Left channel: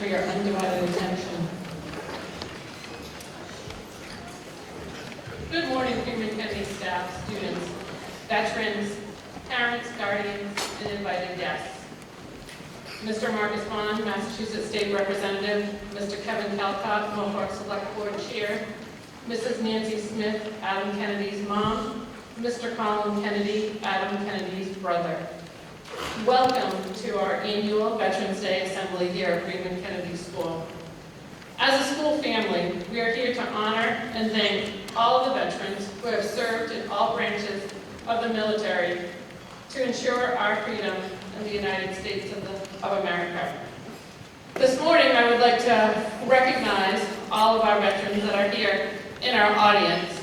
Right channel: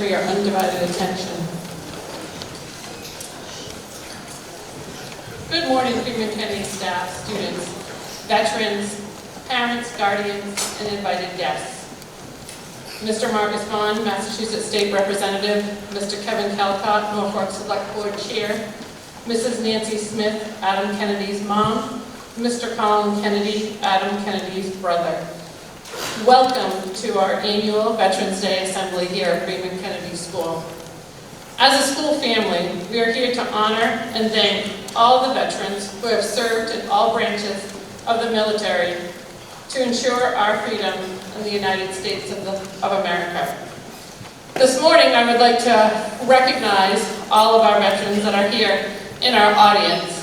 for your undivided attention. Good morning, Freeman-Kennedy staff, students, veterans, parents, guardians, and invited guests. Mr. Marcus Vaughn, Massachusetts State Representative, Mr. Kevin Calcott, Norfolk Select Board Chair, Mrs. Nancy Smith, Adam Kennedy's mom, Mr. Colin Kennedy, Adam Kennedy's brother. Welcome to our annual Veterans Day Assembly here at Freeman-Kennedy School. As a school family, we are here to honor and thank all the veterans who have served in all branches of the military to ensure our freedom in the United States of America. This morning, I would like to recognize all of our veterans that are here in our audience.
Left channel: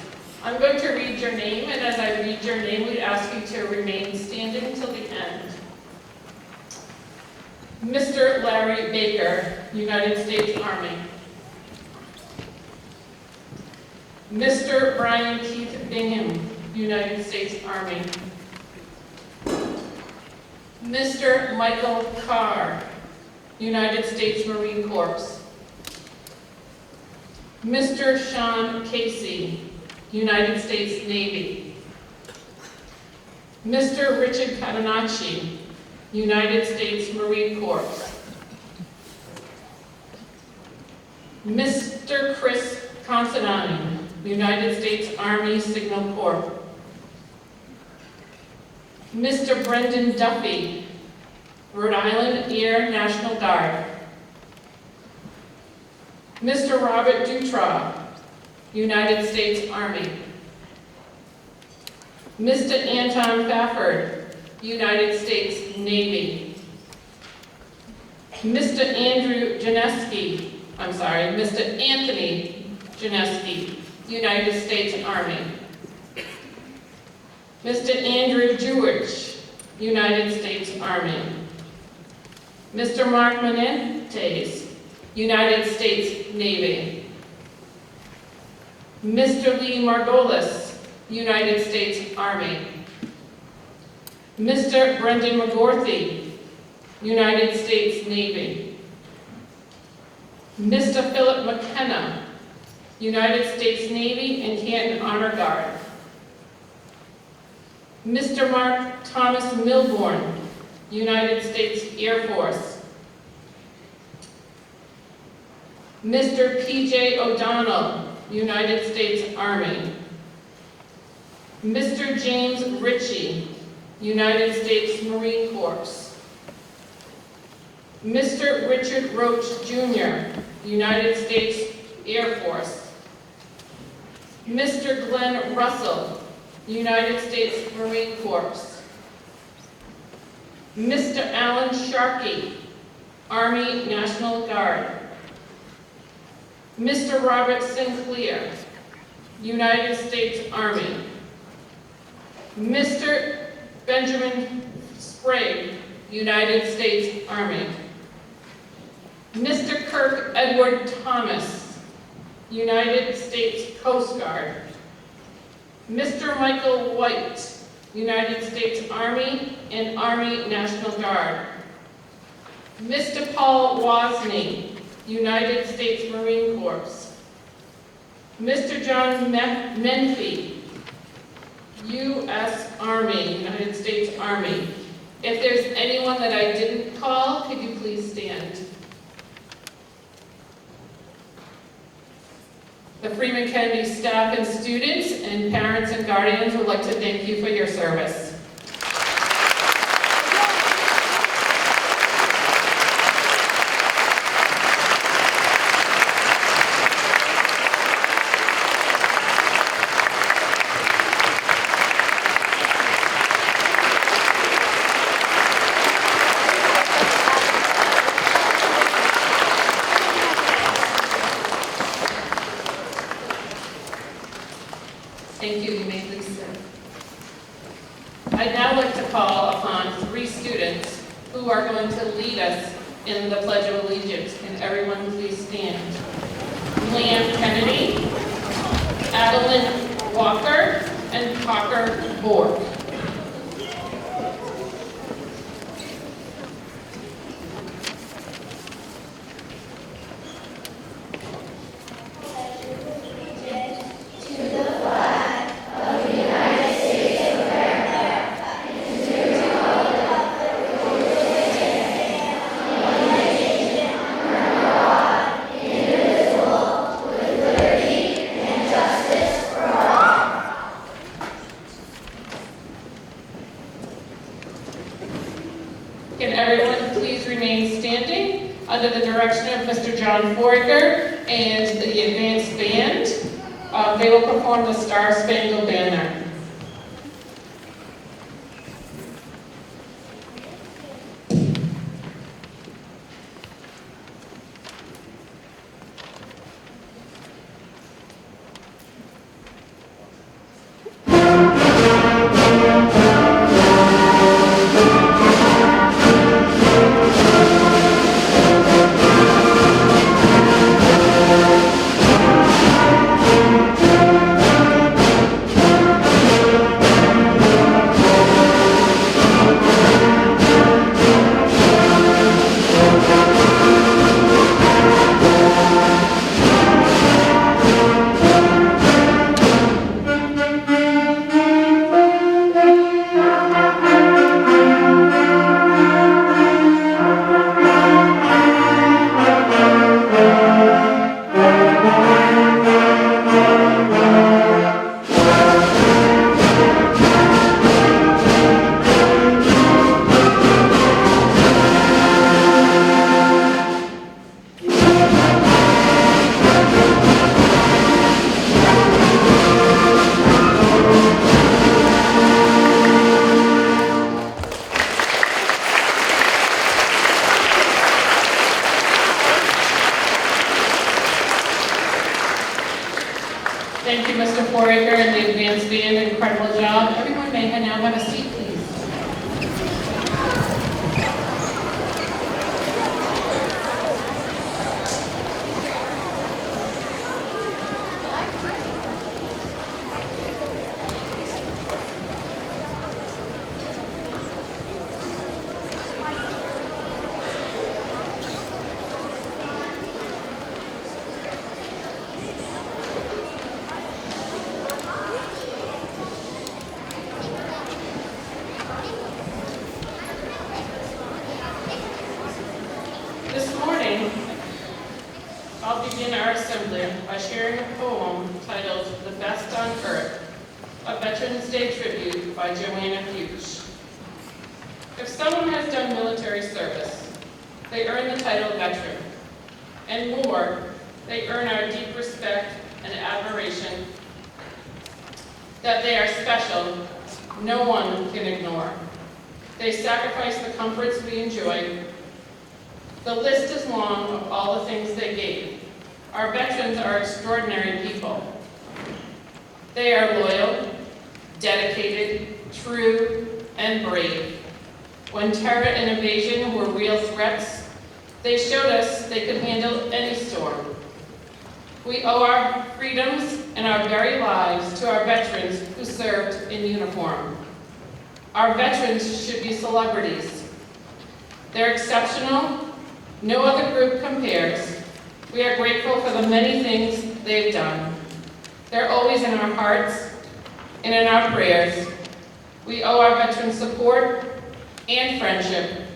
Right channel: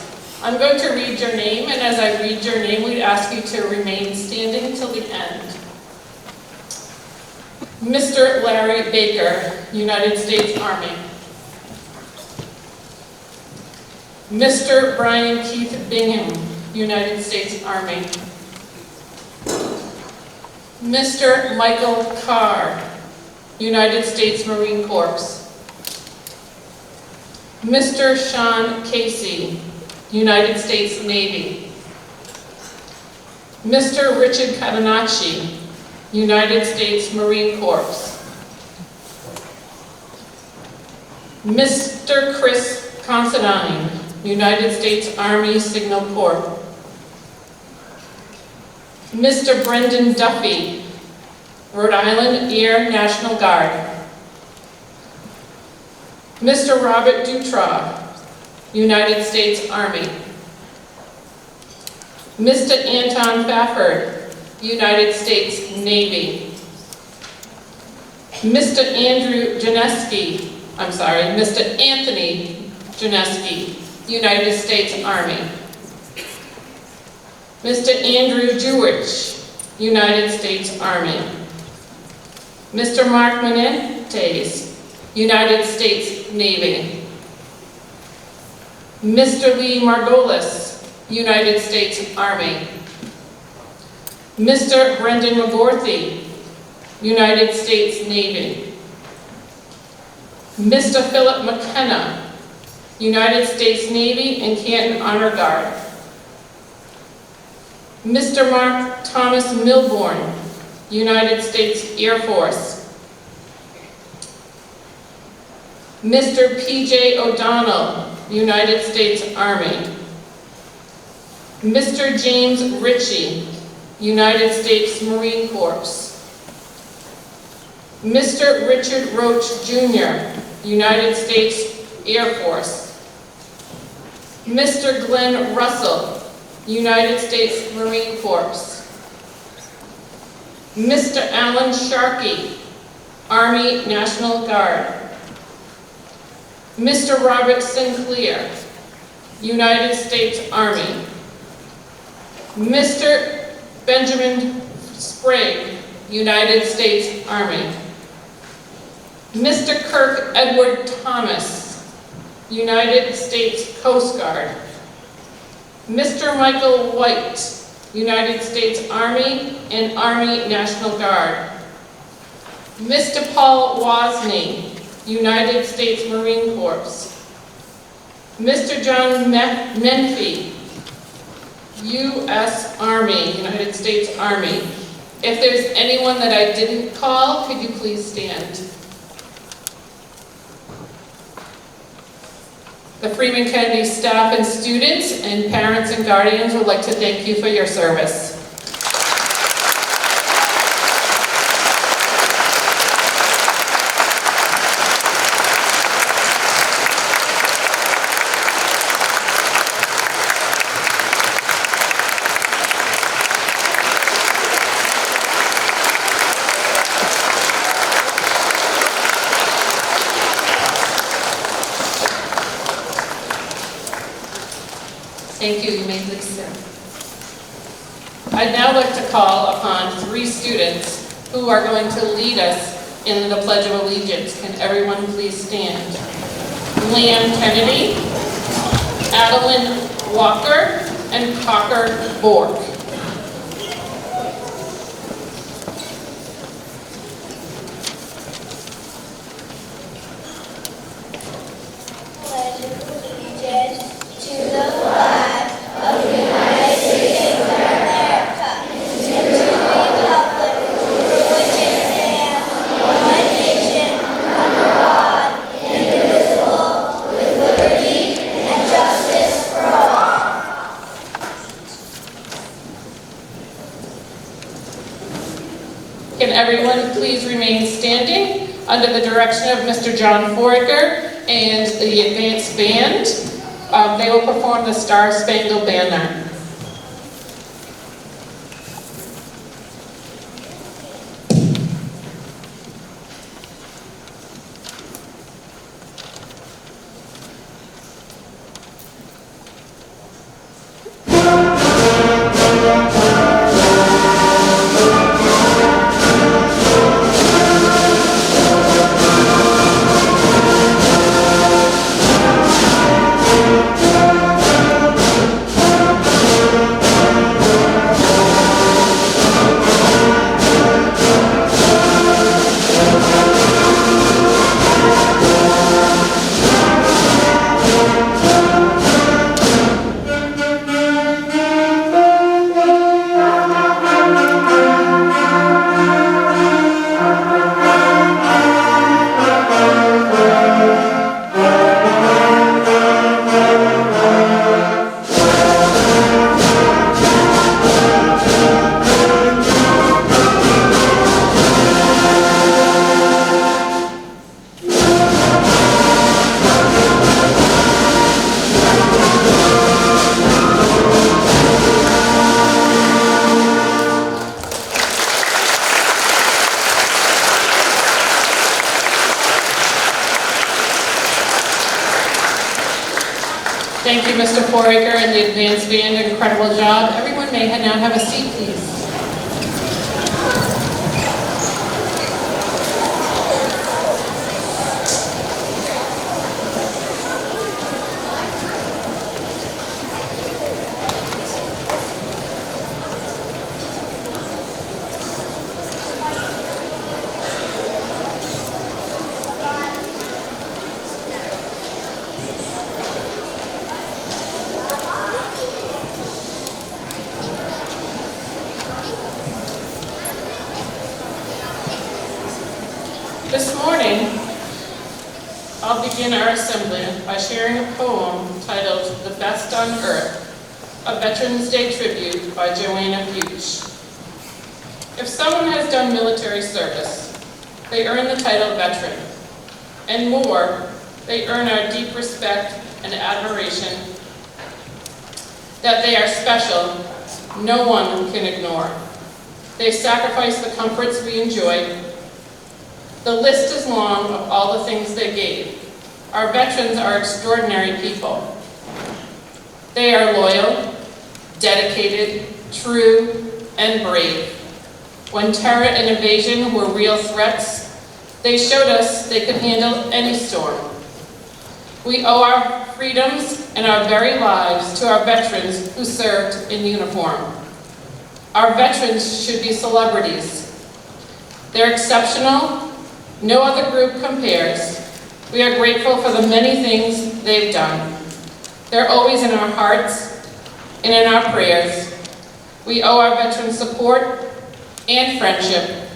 I'm going to read your name, and as I read your name, we'd ask you to remain standing till the end. Mr. Larry Baker, United States Army. Mr. Brian Keith Bingham, United States Army. Mr. Michael Carr, United States Marine Corps. Mr. Sean Casey, United States Navy. Mr. Richard Catanacci, United States Marine Corps. Mr. Chris Considine, United States Army Signal Corps. Mr. Brendan Duffy, Rhode Island Air National Guard. Mr. Robert Dutra, United States Army. Mr. Anton Fafford, United States Navy. Mr. Mr. Anthony Janeski, United States Army. Mr. Andrew Jewich, United States Army. Mr. Mark Menendez, United States Navy. Mr. Lee Margolis, United States Army. Mr. Brendan McGorthy, United States Navy. Mr. Philip McKenna, United States Navy and Canton Honor Guard. Mr. Mark Thomas Milbourne, United States Air Force. Mr. P.J. O'Donnell, United States Army. Mr. James Ritchie, United States Marine Corps. Mr. Richard Roach Jr., United States Air Force. Mr. Glenn Russell, United States Marine Corps. Mr. Alan Sharkey, Army National Guard. Mr. Robert Sinclair, United States Army. Mr. Benjamin Sprague, United States Army. Mr. Kirk Edward Thomas, United States Coast Guard. Mr. Michael White, United States Army and Army National Guard. Mr. Paul Wozni, United States Marine Corps. Mr. John Menfee, U.S. Army, United States Army. If there's anyone that I didn't call, could you please stand? The Freeman-Kennedy staff and students and parents and guardians would like to thank you for your service. Thank you. You may please sit. I'd now like to call upon three students who are going to lead us in the Pledge of Allegiance. Can everyone please stand? Liam Kennedy, Adeline Walker, and Cocker Bork. Can everyone please remain standing under the direction of Mr. John Foraker and the advanced band. They will perform the Star Spangled Banner. Thank you, Mr. Foraker and the advanced band. Incredible job. Everyone may now have a seat, please. This morning, I'll begin our assembly by sharing a poem titled "The Best on Earth," a Veterans Day tribute by Joanna Fuchs. If someone has done military service, they earn the title veteran. And more, they earn our deep respect and admiration that they are special, no one can ignore. They sacrifice the comforts we enjoy. The list is long of all the things they gave. Our veterans are extraordinary people. They are loyal, dedicated, true, and brave. When terror and invasion were real threats, they showed us they could handle any storm. We owe our freedoms and our very lives to our veterans who served in uniform. Our veterans should be celebrities. They're exceptional. No other group compares. We are grateful for the many things they've done. They're always in our hearts and in our prayers. We owe our veterans support and friendship.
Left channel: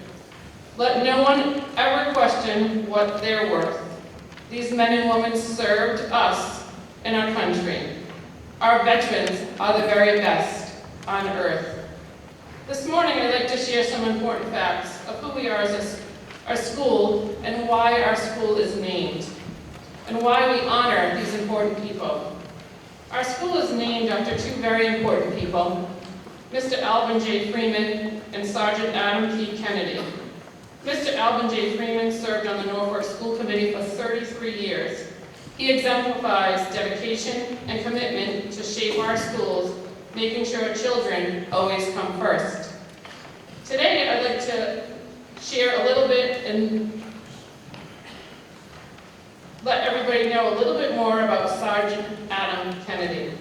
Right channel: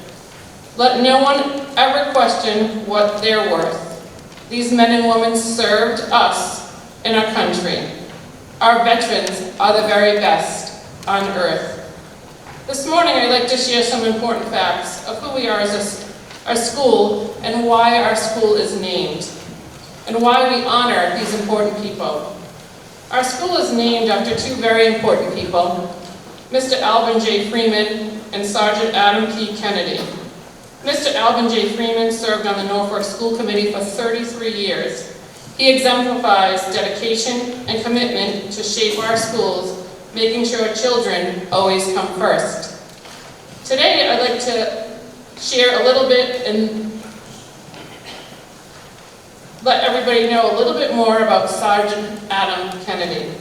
Let no one ever question what they're worth. These men and women served us and our country. Our veterans are the very best on earth. This morning, I'd like to share some important facts of who we are as our school and why our school is named, and why we honor these important people. Our school is named after two very important people, Mr. Alvin J. Freeman and Sergeant Adam P. Kennedy. Mr. Alvin J. Freeman served on the Norfolk School Committee for 33 years. He exemplifies dedication and commitment to shape our schools, making sure children always come first. Today, I'd like to share a little bit and let everybody know a little bit more about Sergeant Adam Kennedy.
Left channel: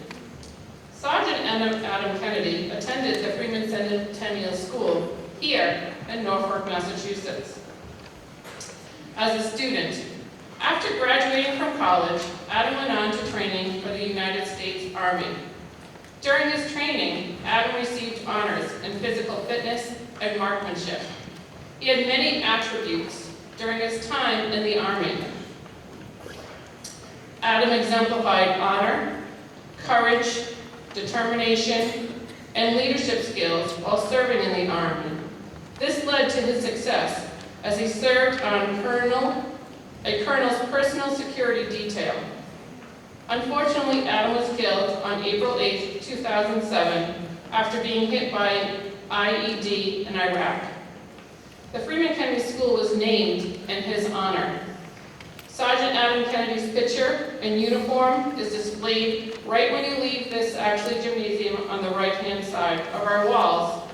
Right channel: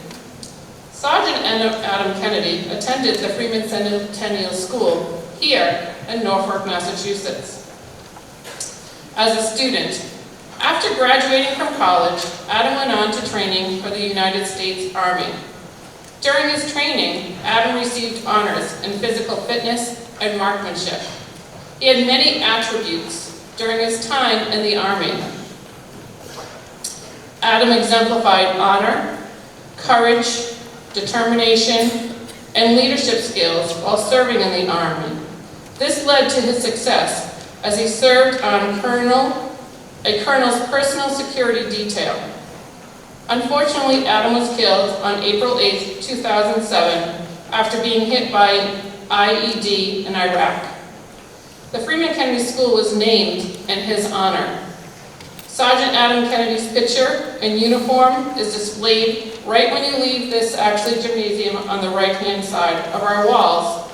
Sergeant Adam Kennedy attended the Freeman-Kennedy School here in Norfolk, Massachusetts. As a student, after graduating from college, Adam went on to training for the United States Army. During his training, Adam received honors in physical fitness and marksmanship. He had many attributes during his time in the Army. Adam exemplified honor, courage, determination, and leadership skills while serving in the Army. This led to his success as he served on a colonel's personal security detail. Unfortunately, Adam was killed on April 8, 2007, after being hit by an IED in Iraq. The Freeman-Kennedy School was named in his honor. Sergeant Adam Kennedy's picture and uniform is displayed right when you leave this gymnasium on the right-hand side of our walls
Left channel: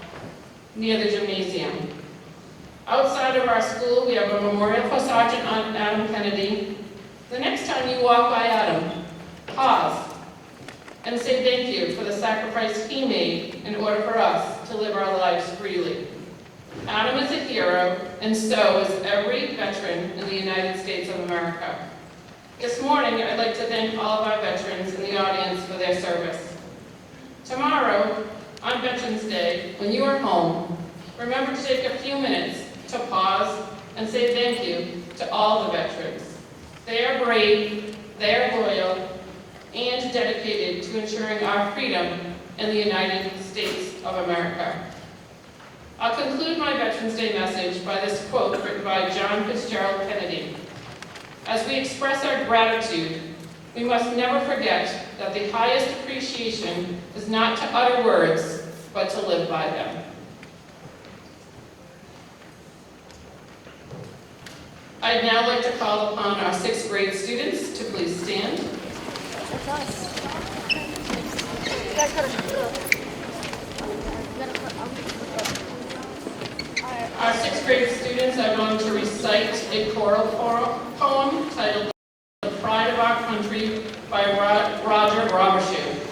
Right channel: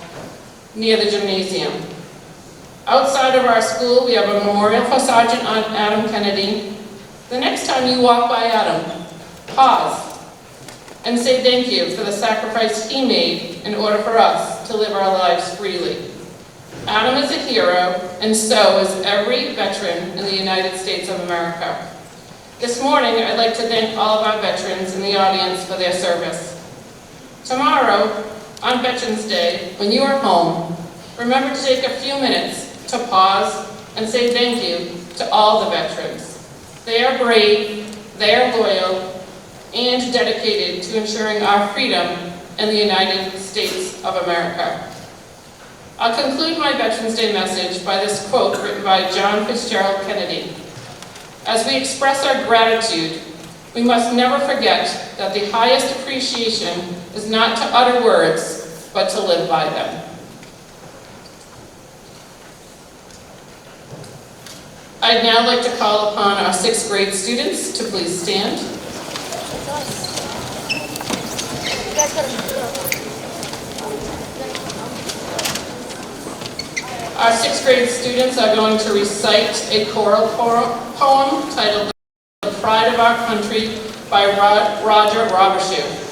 near the gymnasium. Outside of our school, we have a memorial for Sergeant Adam Kennedy. The next time you walk by Adam, pause and say thank you for the sacrifice he made in order for us to live our lives freely. Adam is a hero, and so is every veteran in the United States of America. This morning, I'd like to thank all of our veterans in the audience for their service. Tomorrow, on Veterans Day, when you are home, remember to take a few minutes to pause and say thank you to all the veterans. They are brave, they are loyal, and dedicated to ensuring our freedom in the United States of America. I'll conclude my Veterans Day message by this quote written by John Fitzgerald Kennedy. As we express our gratitude, we must never forget that the highest appreciation is not to utter words, but to live by them. I'd now like to call upon our 6th grade students to please stand. Our 6th grade students are going to recite a choral poem titled "The Pride of Our Country" by Roger Robershoe.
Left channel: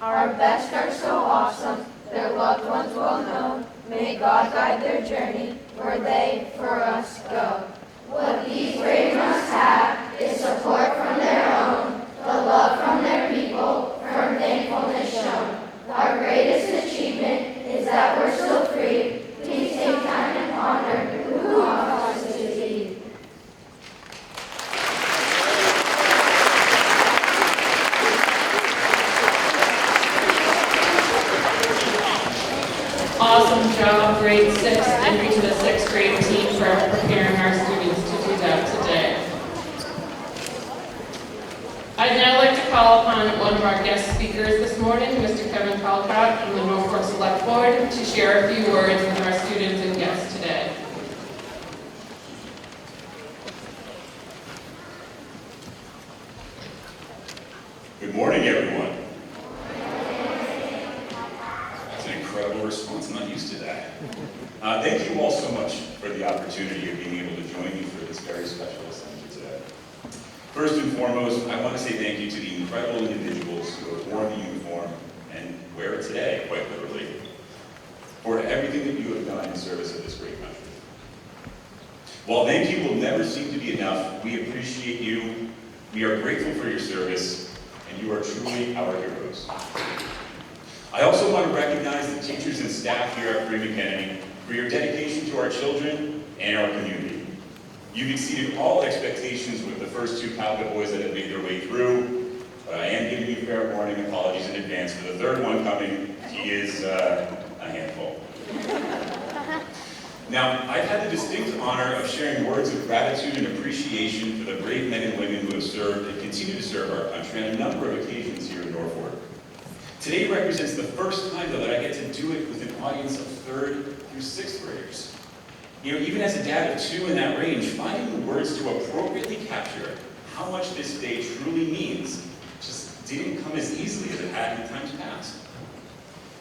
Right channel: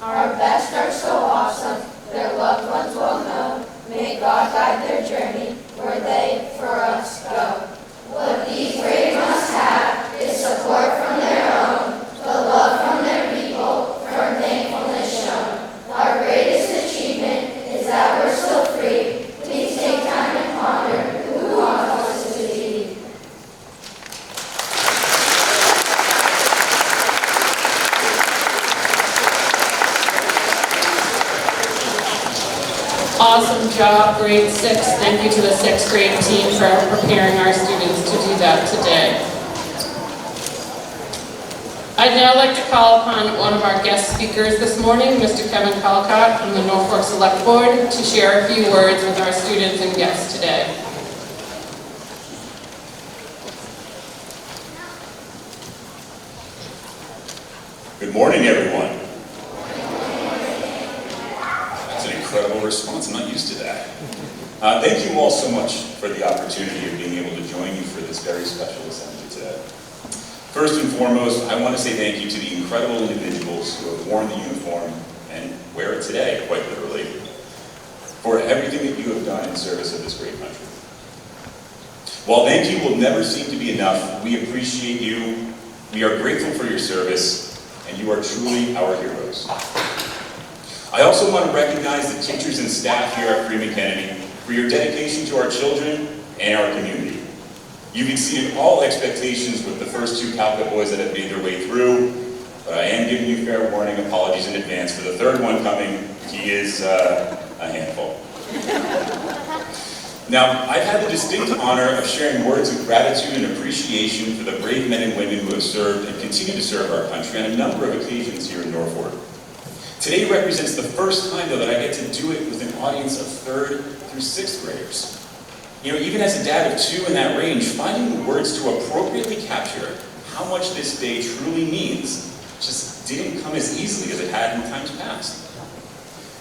Our best are so awesome, their loved ones well known. May God guide their journey where they for us go. What these brave must have is support from their own, the love from their people, firm thankfulness shown. Our greatest achievement is that we're still free. Please take time and ponder who wants us to be. Awesome job, grade 6. Thank you to the 6th grade team for preparing our students to do that today. I'd now like to call upon one of our guest speakers this morning, Mr. Kevin Calcott from the Norfolk Select Board, to share a few words with our students and guests today. Good morning, everyone. That's an incredible response. I'm not used to that. Thank you all so much for the opportunity of being able to join you for this very special assembly today. First and foremost, I want to say thank you to the incredible individuals who have worn the uniform and wear it today, quite literally, for everything that you have done in service of this great country. While thank you will never seem to be enough, we appreciate you, we are grateful for your service, and you are truly our heroes. I also want to recognize the teachers and staff here at Freeman-Kennedy for your dedication to our children and our community. You've exceeded all expectations with the first 2 Calcutta boys that have made their way through, but I am giving you fair warning, apologies in advance for the 3rd one coming. He is a handful. Now, I've had the distinct honor of sharing words of gratitude and appreciation for the brave men and women who have served and continue to serve our country on a number of occasions here in Norfolk. Today represents the first time, though, that I get to do it with an audience of 3rd through 6th graders. You know, even as a dad of 2 in that range, finding the words to appropriately capture how much this day truly means just didn't come as easily as it had in times past.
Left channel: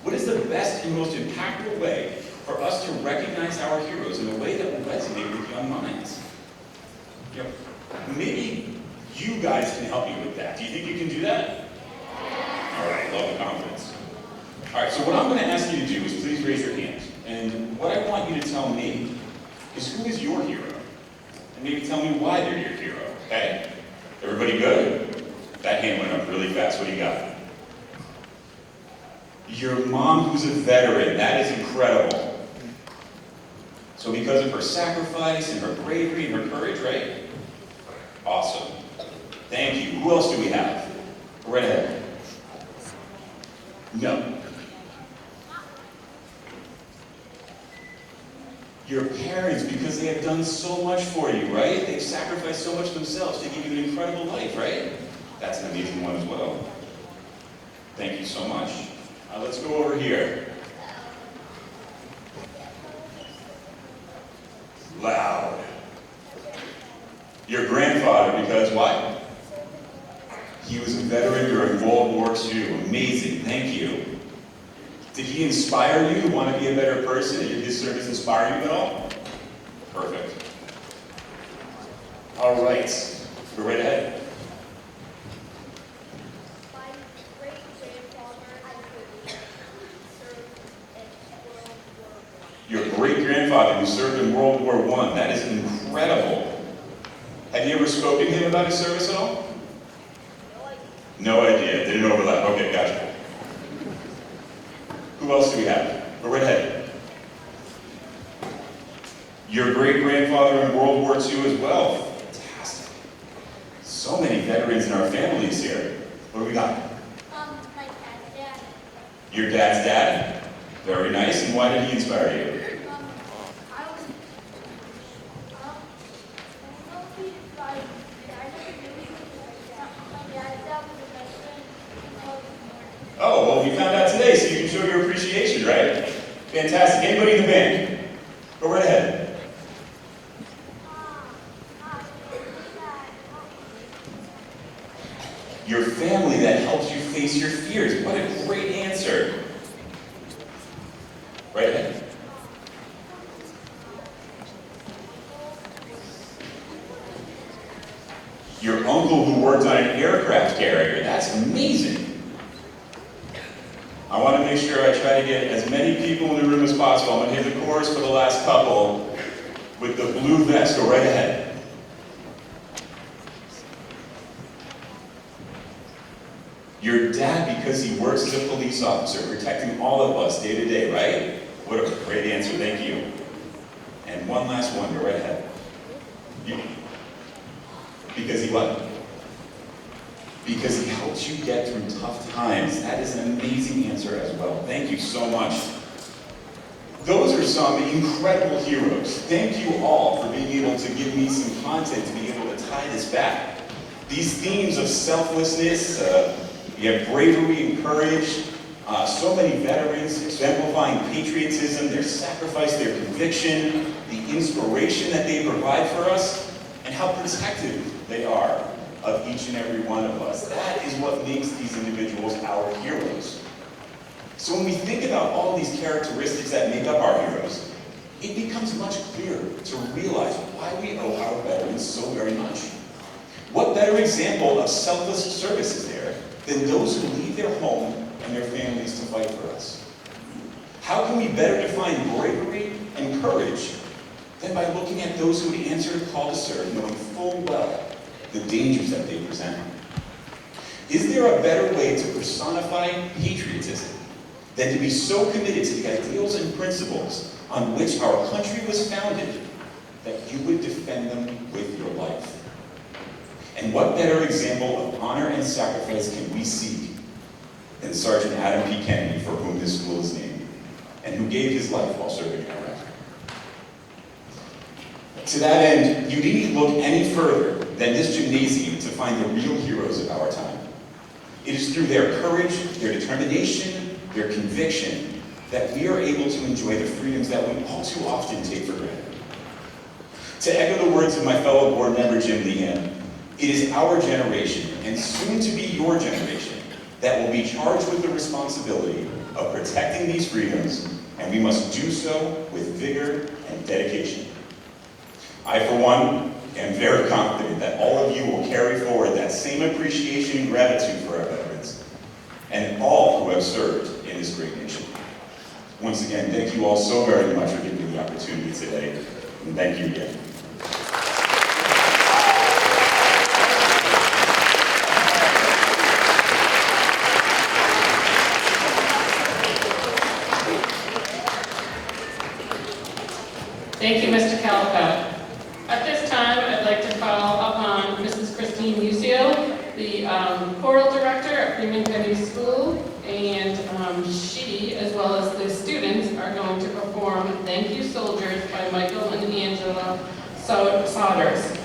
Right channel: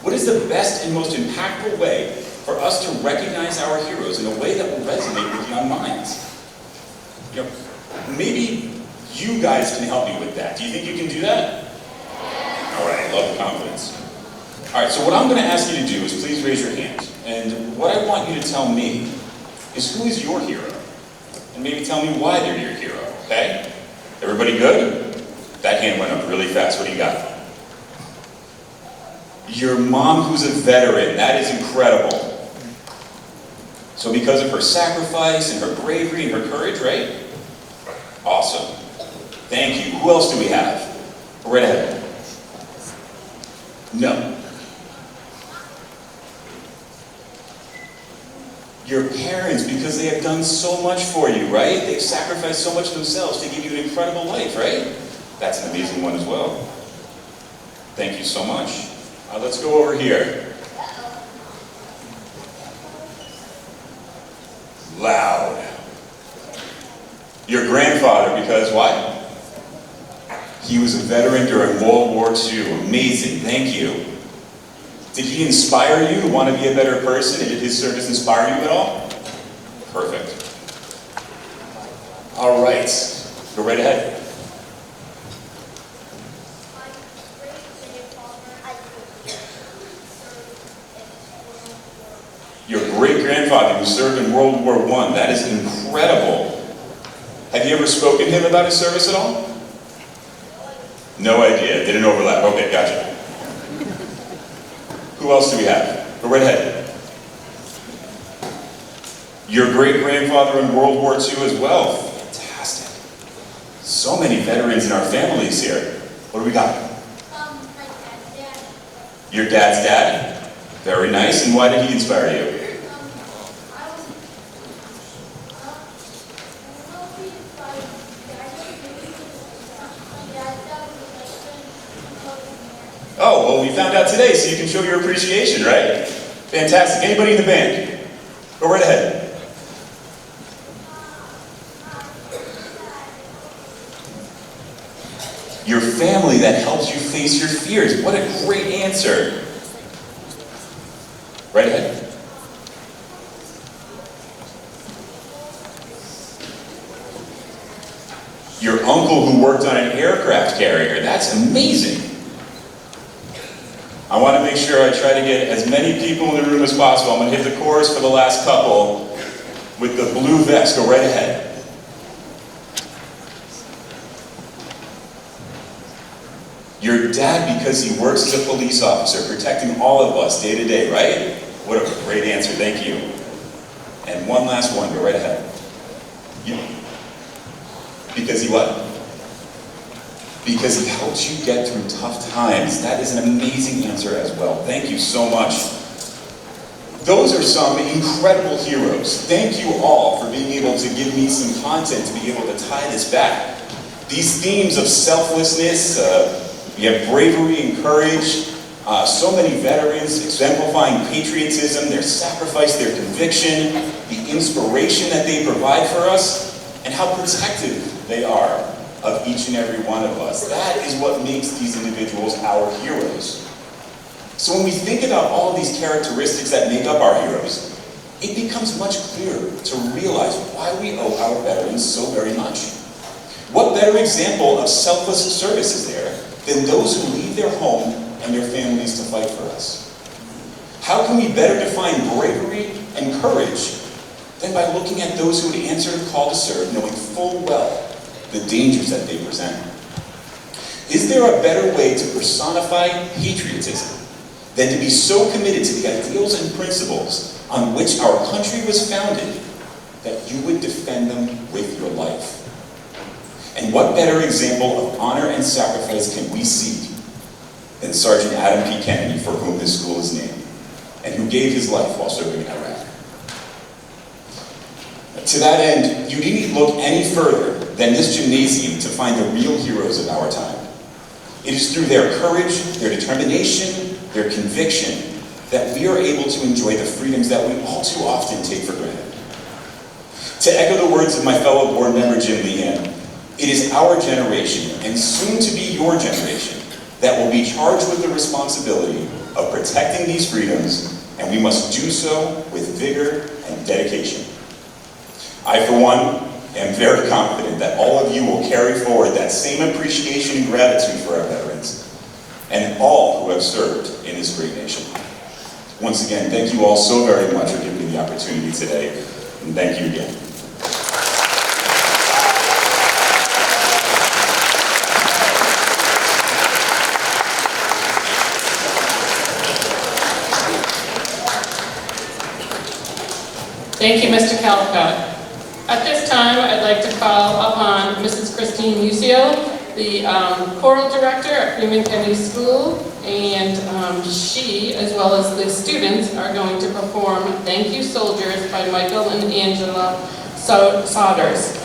What is the best and most impactful way for us to recognize our heroes in a way that will resonate with young minds? You know, maybe you guys can help me with that. Do you think you can do that? All right, I love the confidence. All right, so what I'm going to ask you to do is please raise your hand. And what I want you to tell me is who is your hero? And maybe tell me why they're your hero, okay? Everybody good? That hand went up really fast. What do you got? Your mom who's a veteran. That is incredible. So because of her sacrifice and her bravery and her courage, right? Awesome. Thank you. Who else do we have? Go right ahead. No. Your parents, because they have done so much for you, right? They've sacrificed so much themselves to give you an incredible life, right? That's an amazing one as well. Thank you so much. Let's go over here. Loud. Your grandfather, because why? He was a veteran during World War II. Amazing, thank you. Did he inspire you to want to be a better person? And did his service inspire you at all? Perfect. All right, go right ahead. Your great-grandfather who served in World War I. That is incredible. Have you ever spoken to him about his service at all? No idea. Didn't overlap. Okay, gotcha. Who else do we have? Go right ahead. Your great-grandfather in World War II as well. Fantastic. So many veterans in our families here. What do we got? My dad's dad. Your dad's dad? Very nice. And why did he inspire you? Oh, well, we found out today, so you can show your appreciation, right? Fantastic. Anybody in the band? Go right ahead. Your family that helps you face your fears. What a great answer. Right ahead. Your uncle who worked on an aircraft carrier. That's amazing. I want to make sure I try to get as many people in the room as possible. I'm going to hit the chorus for the last couple with the blue vest. Go right ahead. Your dad, because he works as a police officer, protecting all of us day to day, right? What a great answer. Thank you. And one last one. Go right ahead. You. Because he what? Because he helps you get through tough times. That is an amazing answer as well. Thank you so much. Those are some incredible heroes. Thank you all for being able to give me some content to be able to tie this back. These themes of selflessness, we have bravery and courage, so many veterans exemplifying patriotism, their sacrifice, their conviction, the inspiration that they provide for us, and how protective they are of each and every one of us. That is what makes these individuals our heroes. So when we think about all of these characteristics that make up our heroes, it becomes much clearer to realize why we owe our veterans so very much. What better example of selfless service is there than those who leave their home and their families to fight for us? How can we better define bravery and courage than by looking at those who would answer the call to serve, knowing full well the dangers that they present? Is there a better way to personify patriotism than to be so committed to the ideals and principles on which our country was founded that you would defend them with your life? And what better example of honor and sacrifice can we seek than Sergeant Adam P. Kennedy, for whom this school is named, and who gave his life while serving in Iraq? To that end, you needn't look any further than this gymnasium to find the real heroes of our time. It is through their courage, their determination, their conviction, that we are able to enjoy the freedoms that we all too often take for granted. To echo the words of my fellow board member Jim Lehan, it is our generation, and soon to be your generation, that will be charged with the responsibility of protecting these freedoms, and we must do so with vigor and dedication. I, for one, am very confident that all of you will carry forward that same appreciation and gratitude for our veterans and all who have served in this great nation. Once again, thank you all so very much for giving me the opportunity today, and thank you again. Thank you, Mr. Calcott. At this time, I'd like to call upon Mrs. Christine Musio, the choral director at Freeman-Kennedy School, and she, as well as the students, are going to perform Thank You Soldiers by Michael and Angela Sodders.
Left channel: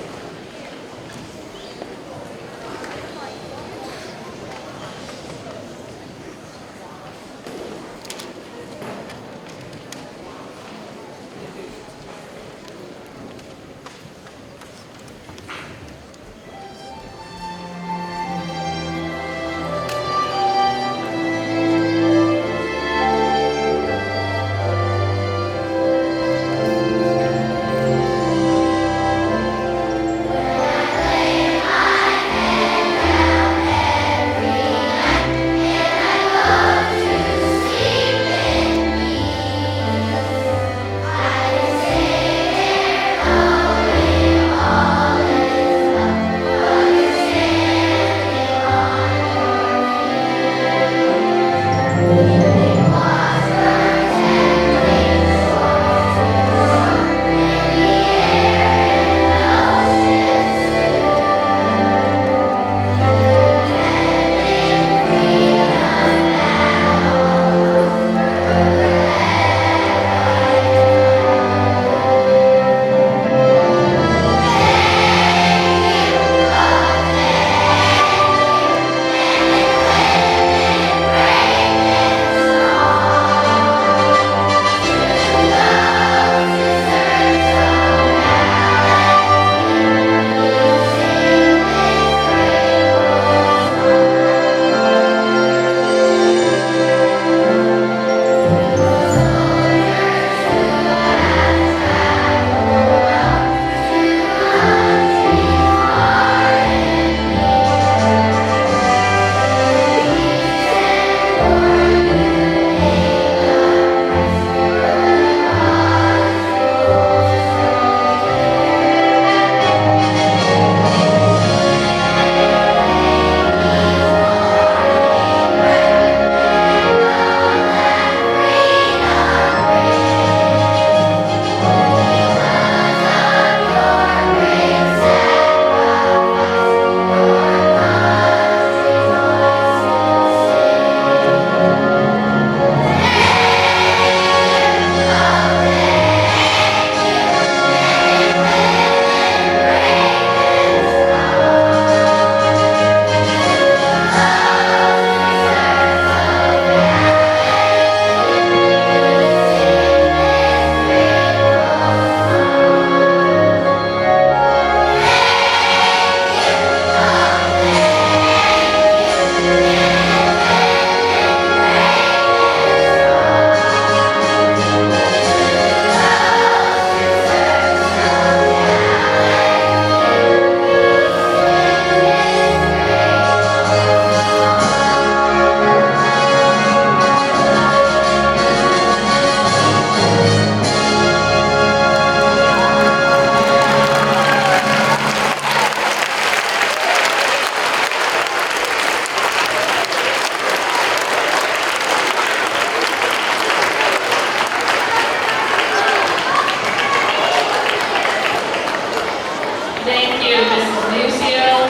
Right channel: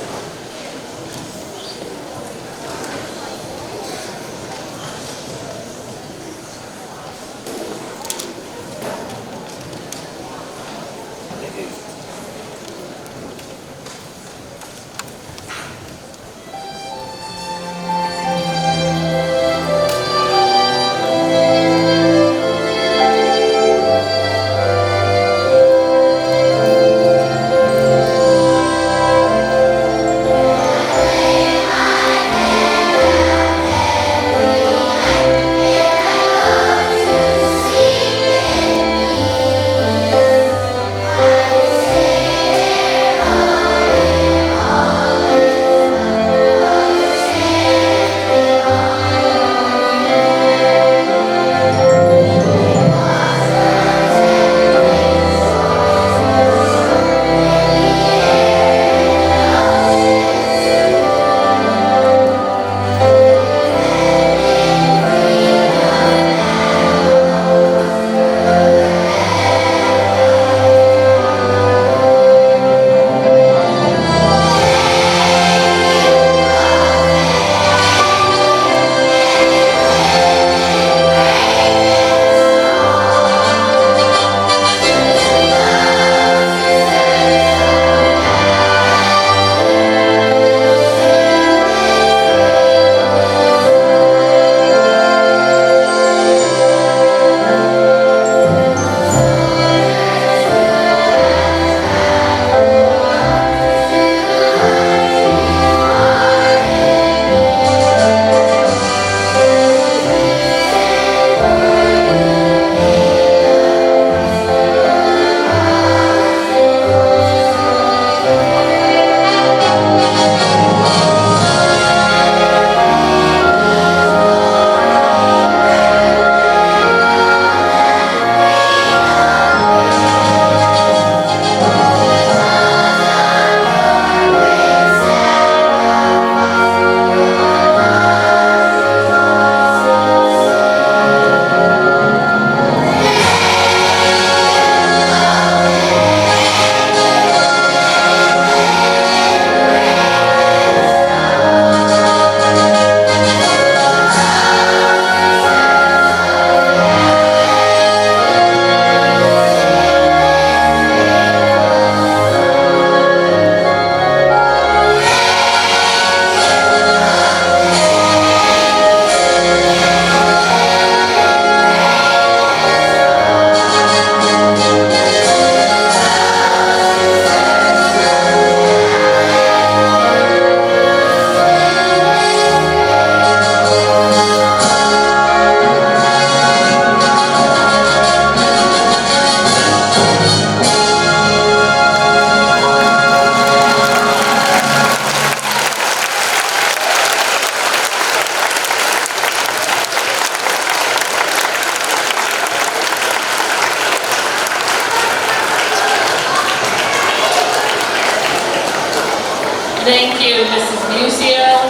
Thank you, Mrs. Musio.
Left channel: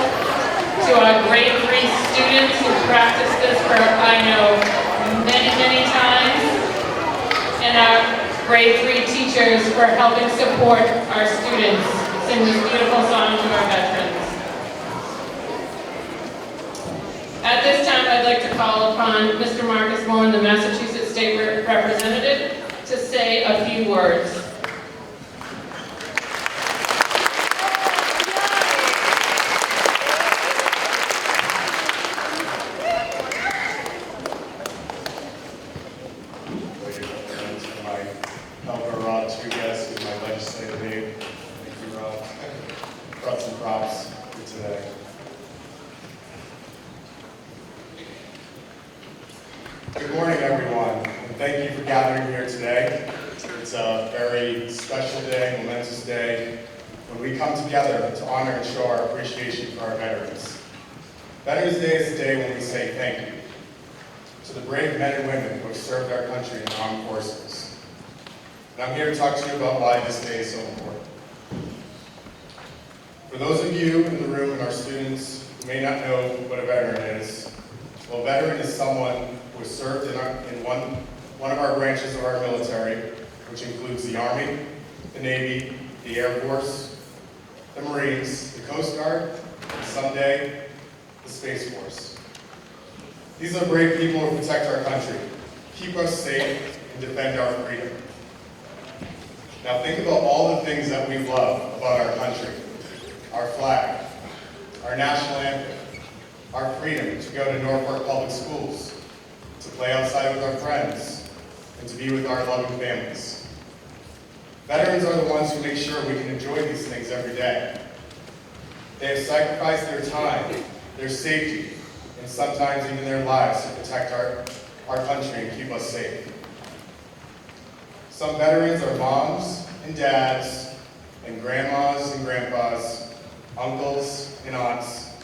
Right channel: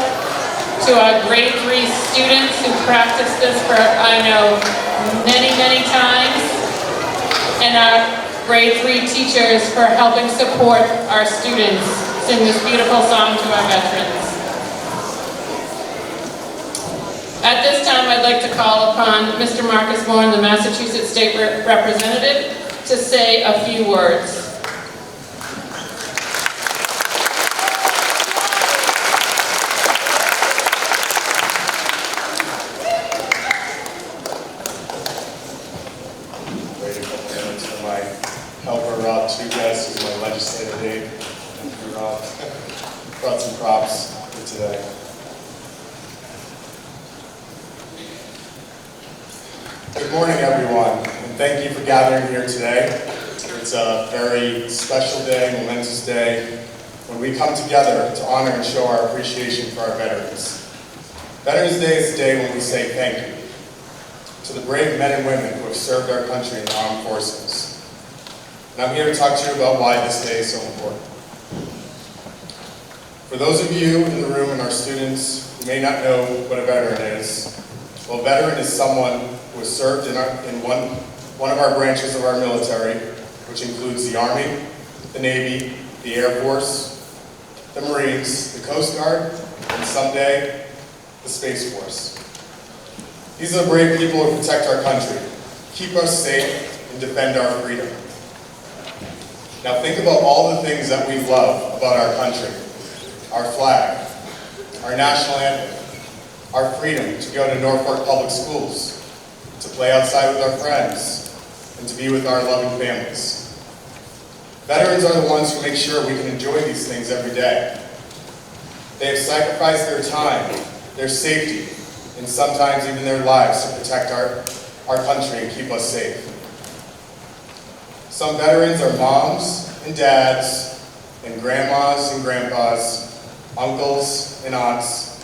To our grade 3 students who practiced this for, I know, many, many times. And our grade 3 teachers for helping support our students sing this beautiful song to our veterans. At this time, I'd like to call upon Mr. Marcus Bourne, the Massachusetts State Representative, to say a few words. props for today. Good morning, everyone, and thank you for gathering here today. It's a very special day, momentous day, when we come together to honor and show our appreciation for our veterans. Veterans Day is the day when we say thank you to the brave men and women who have served our country in the armed forces. And I'm here to talk to you about why this day is so important. For those of you in the room and our students who may not know what a veteran is, well, a veteran is someone who has served in one of our branches of our military, which includes the Army, the Navy, the Air Force, the Marines, the Coast Guard, and someday, the Space Force. These are the brave people who protect our country, keep us safe, and defend our freedom. Now think about all the things that we love about our country. Our flag, our national anthem, our freedom to go to Norfolk Public Schools, to play outside with our friends, and to be with our loving families. Veterans are the ones who make sure we can enjoy these things every day. They have sacrificed their time, their safety, and sometimes even their lives to protect our country and keep us safe. Some veterans are moms and dads, and grandmas and grandpas, uncles and aunts.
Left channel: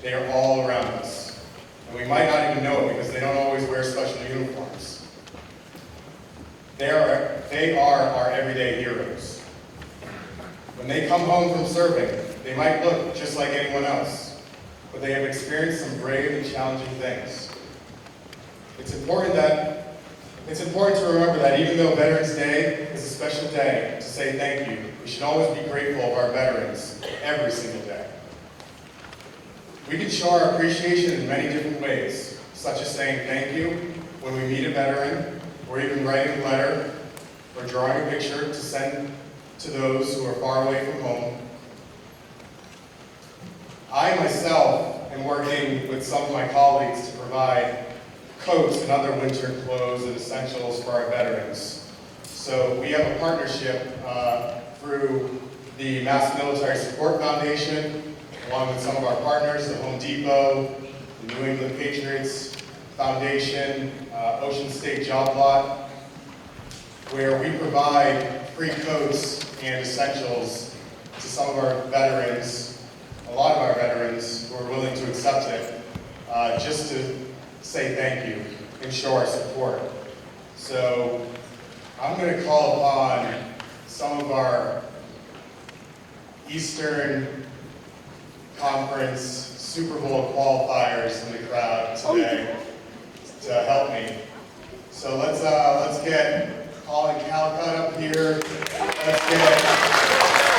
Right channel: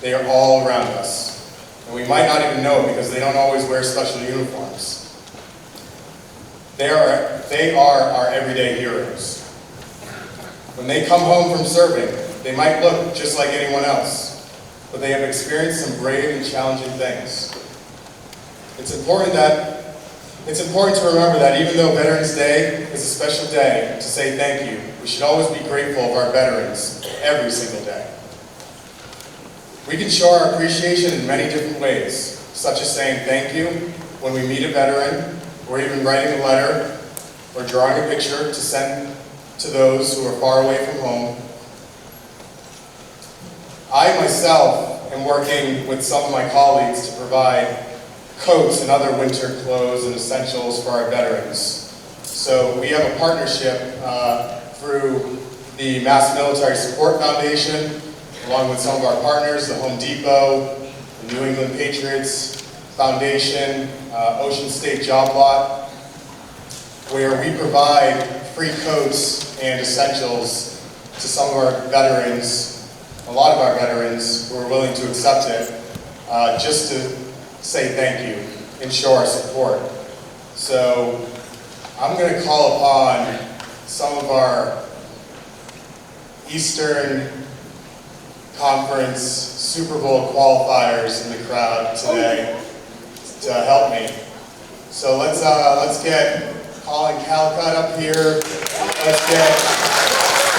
They are all around us. And we might not even know it because they don't always wear special uniforms. They are our everyday heroes. When they come home from serving, they might look just like anyone else, but they have experienced some brave and challenging things. It's important to remember that even though Veterans Day is a special day to say thank you, we should always be grateful of our veterans every single day. We can show our appreciation in many different ways, such as saying thank you when we meet a veteran, or even writing a letter, or drawing a picture to send to those who are far away from home. I myself am working with some of my colleagues to provide coats and other winter clothes and essentials for our veterans. So we have a partnership through the Mass Military Support Foundation, along with some of our partners, the Home Depot, the New England Patriots Foundation, Ocean State Job Lot, where we provide free coats and essentials to some of our veterans, a lot of our veterans who are willing to accept it, just to say thank you and show our support. So I'm going to call upon some of our Eastern Conference Super Bowl qualifiers in the crowd today to help me. So let's get Colin Calcutt up here. Let's get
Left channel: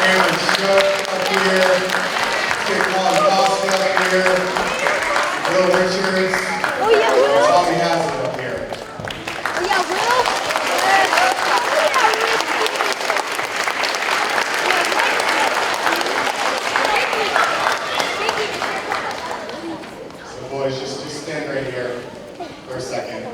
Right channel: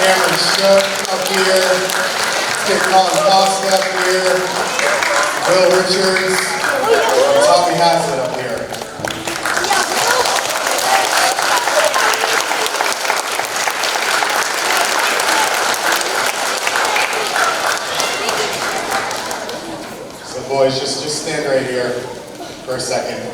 Cameron Shook up here. Let's get Colin Costa up here. Will Richards. And Tommy Haslett up here. Boys, just stand right here for a second.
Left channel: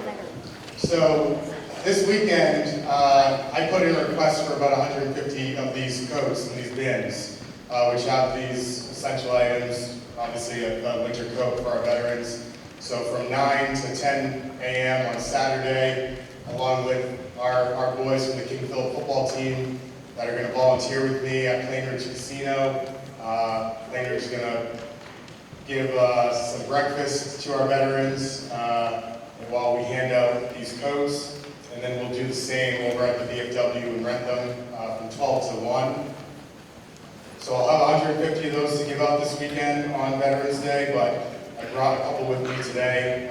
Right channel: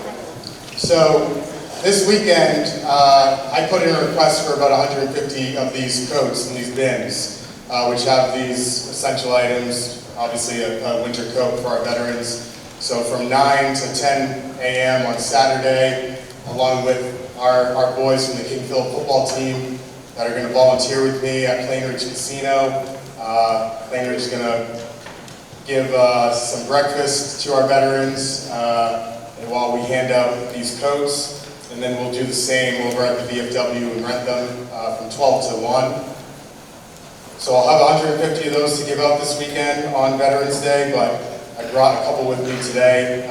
So this weekend, I put in a request for about 150 of these coats and these bins, which have these essential items, obviously a winter coat for our veterans. So from 9 to 10 a.m. on Saturday, along with our boys from the King Philip football team that are going to volunteer with me at Plain Ridge Casino. Plain Ridge is going to give some breakfast to our veterans while we hand out these coats, and then we'll do the same over at the VFW and rent them from 12 to 1. So I'll have 150 of those to give out this weekend on Veterans Day, but I brought a couple with me today.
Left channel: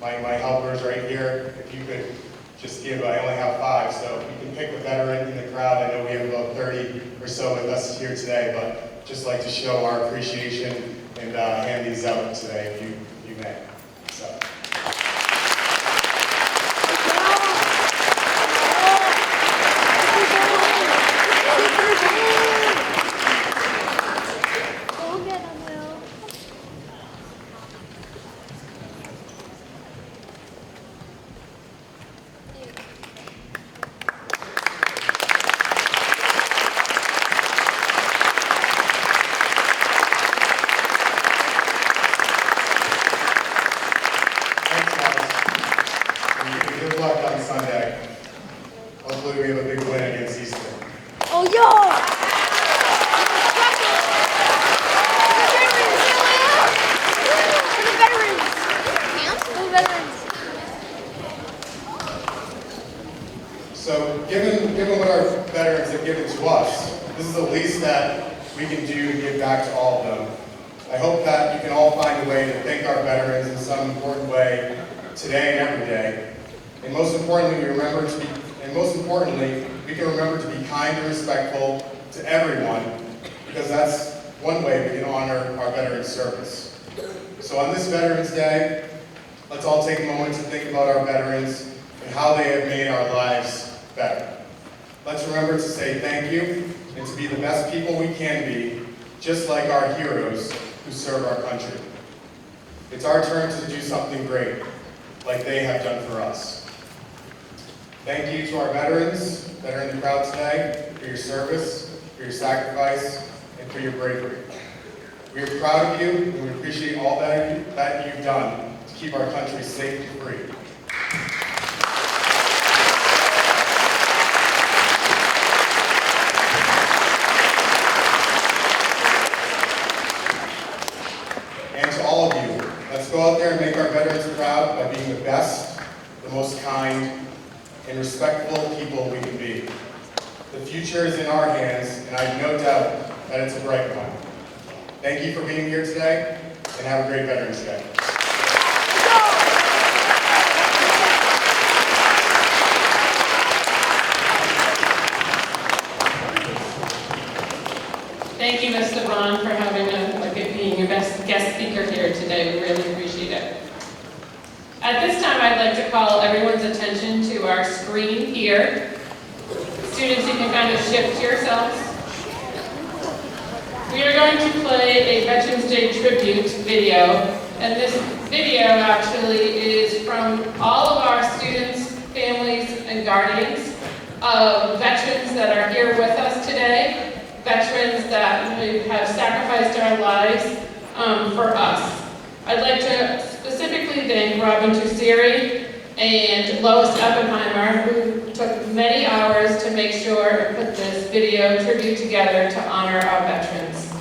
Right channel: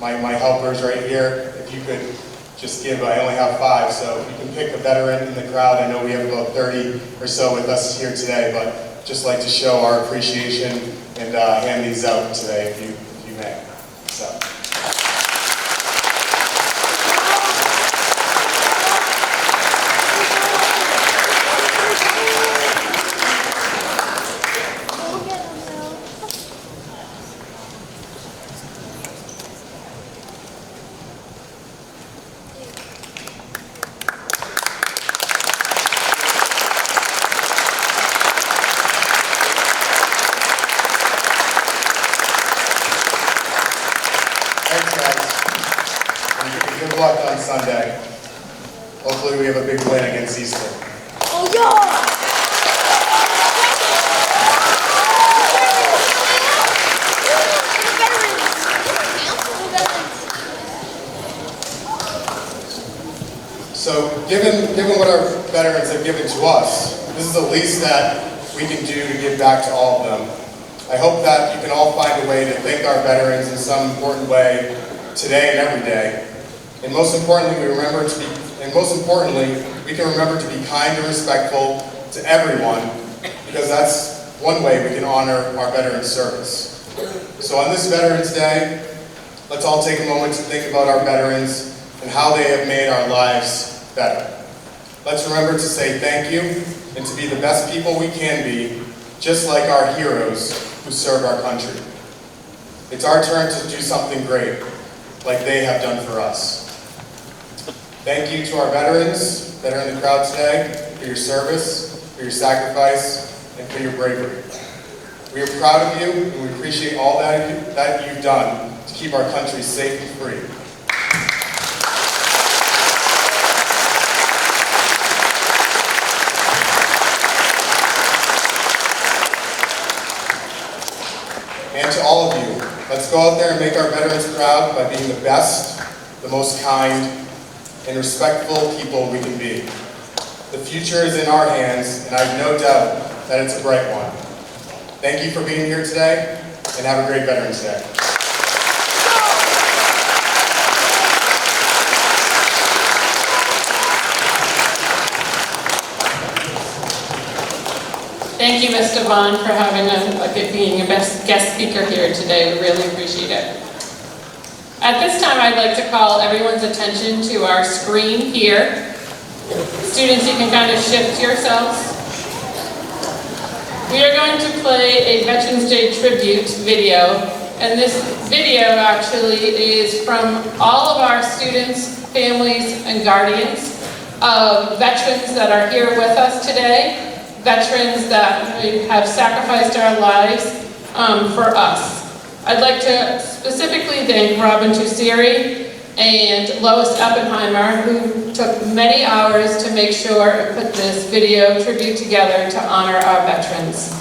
My helpers right here, if you could just give, I only have 5, so if you can pick a veteran in the crowd. I know we have about 30 or so with us here today, but just like to show our appreciation and hand these out today, if you may. So. luck on Sunday. Hopefully we have a big win against Easter. Oh, yo! So given what our veterans have given to us, this is the least that we can do to give back to all of them. I hope that you can all find a way to thank our veterans in some important way today and every day. And most importantly, we can remember to be kind and respectful to everyone, because that's one way we can honor our veterans' service. So on this Veterans Day, let's all take a moment to think about our veterans and how they have made our lives better. Let's remember to say thank you and to be the best people we can be, just like our heroes who served our country. It's our turn to do something great, like they have done for us. Thank you to our veterans that are in the crowd today for your service, for your sacrifice, and for your bravery. We are proud of you, and we appreciate all that you've done to keep our country safe and free. And to all of you, let's go out there and make our veterans proud by being the best, the most kind, and respectful people we can be. The future is in our hands, and I have no doubt that it's a bright one. Thank you for being here today, and have a great Veterans Day. Thank you, Ms. Devon, for being your best guest speaker here today. We really appreciate it. At this time, I'd like to call everyone's attention to our screen here. Students, you can kind of shift yourselves. We are going to play a Veterans Day tribute video, and this video actually is from all of our students, families, and guardians of veterans that are here with us today. Veterans that have sacrificed our lives for us. I'd like to specifically thank Robin Tussiri and Lois Oppenheimer, who took many hours to make sure and put this video tribute together to honor our veterans.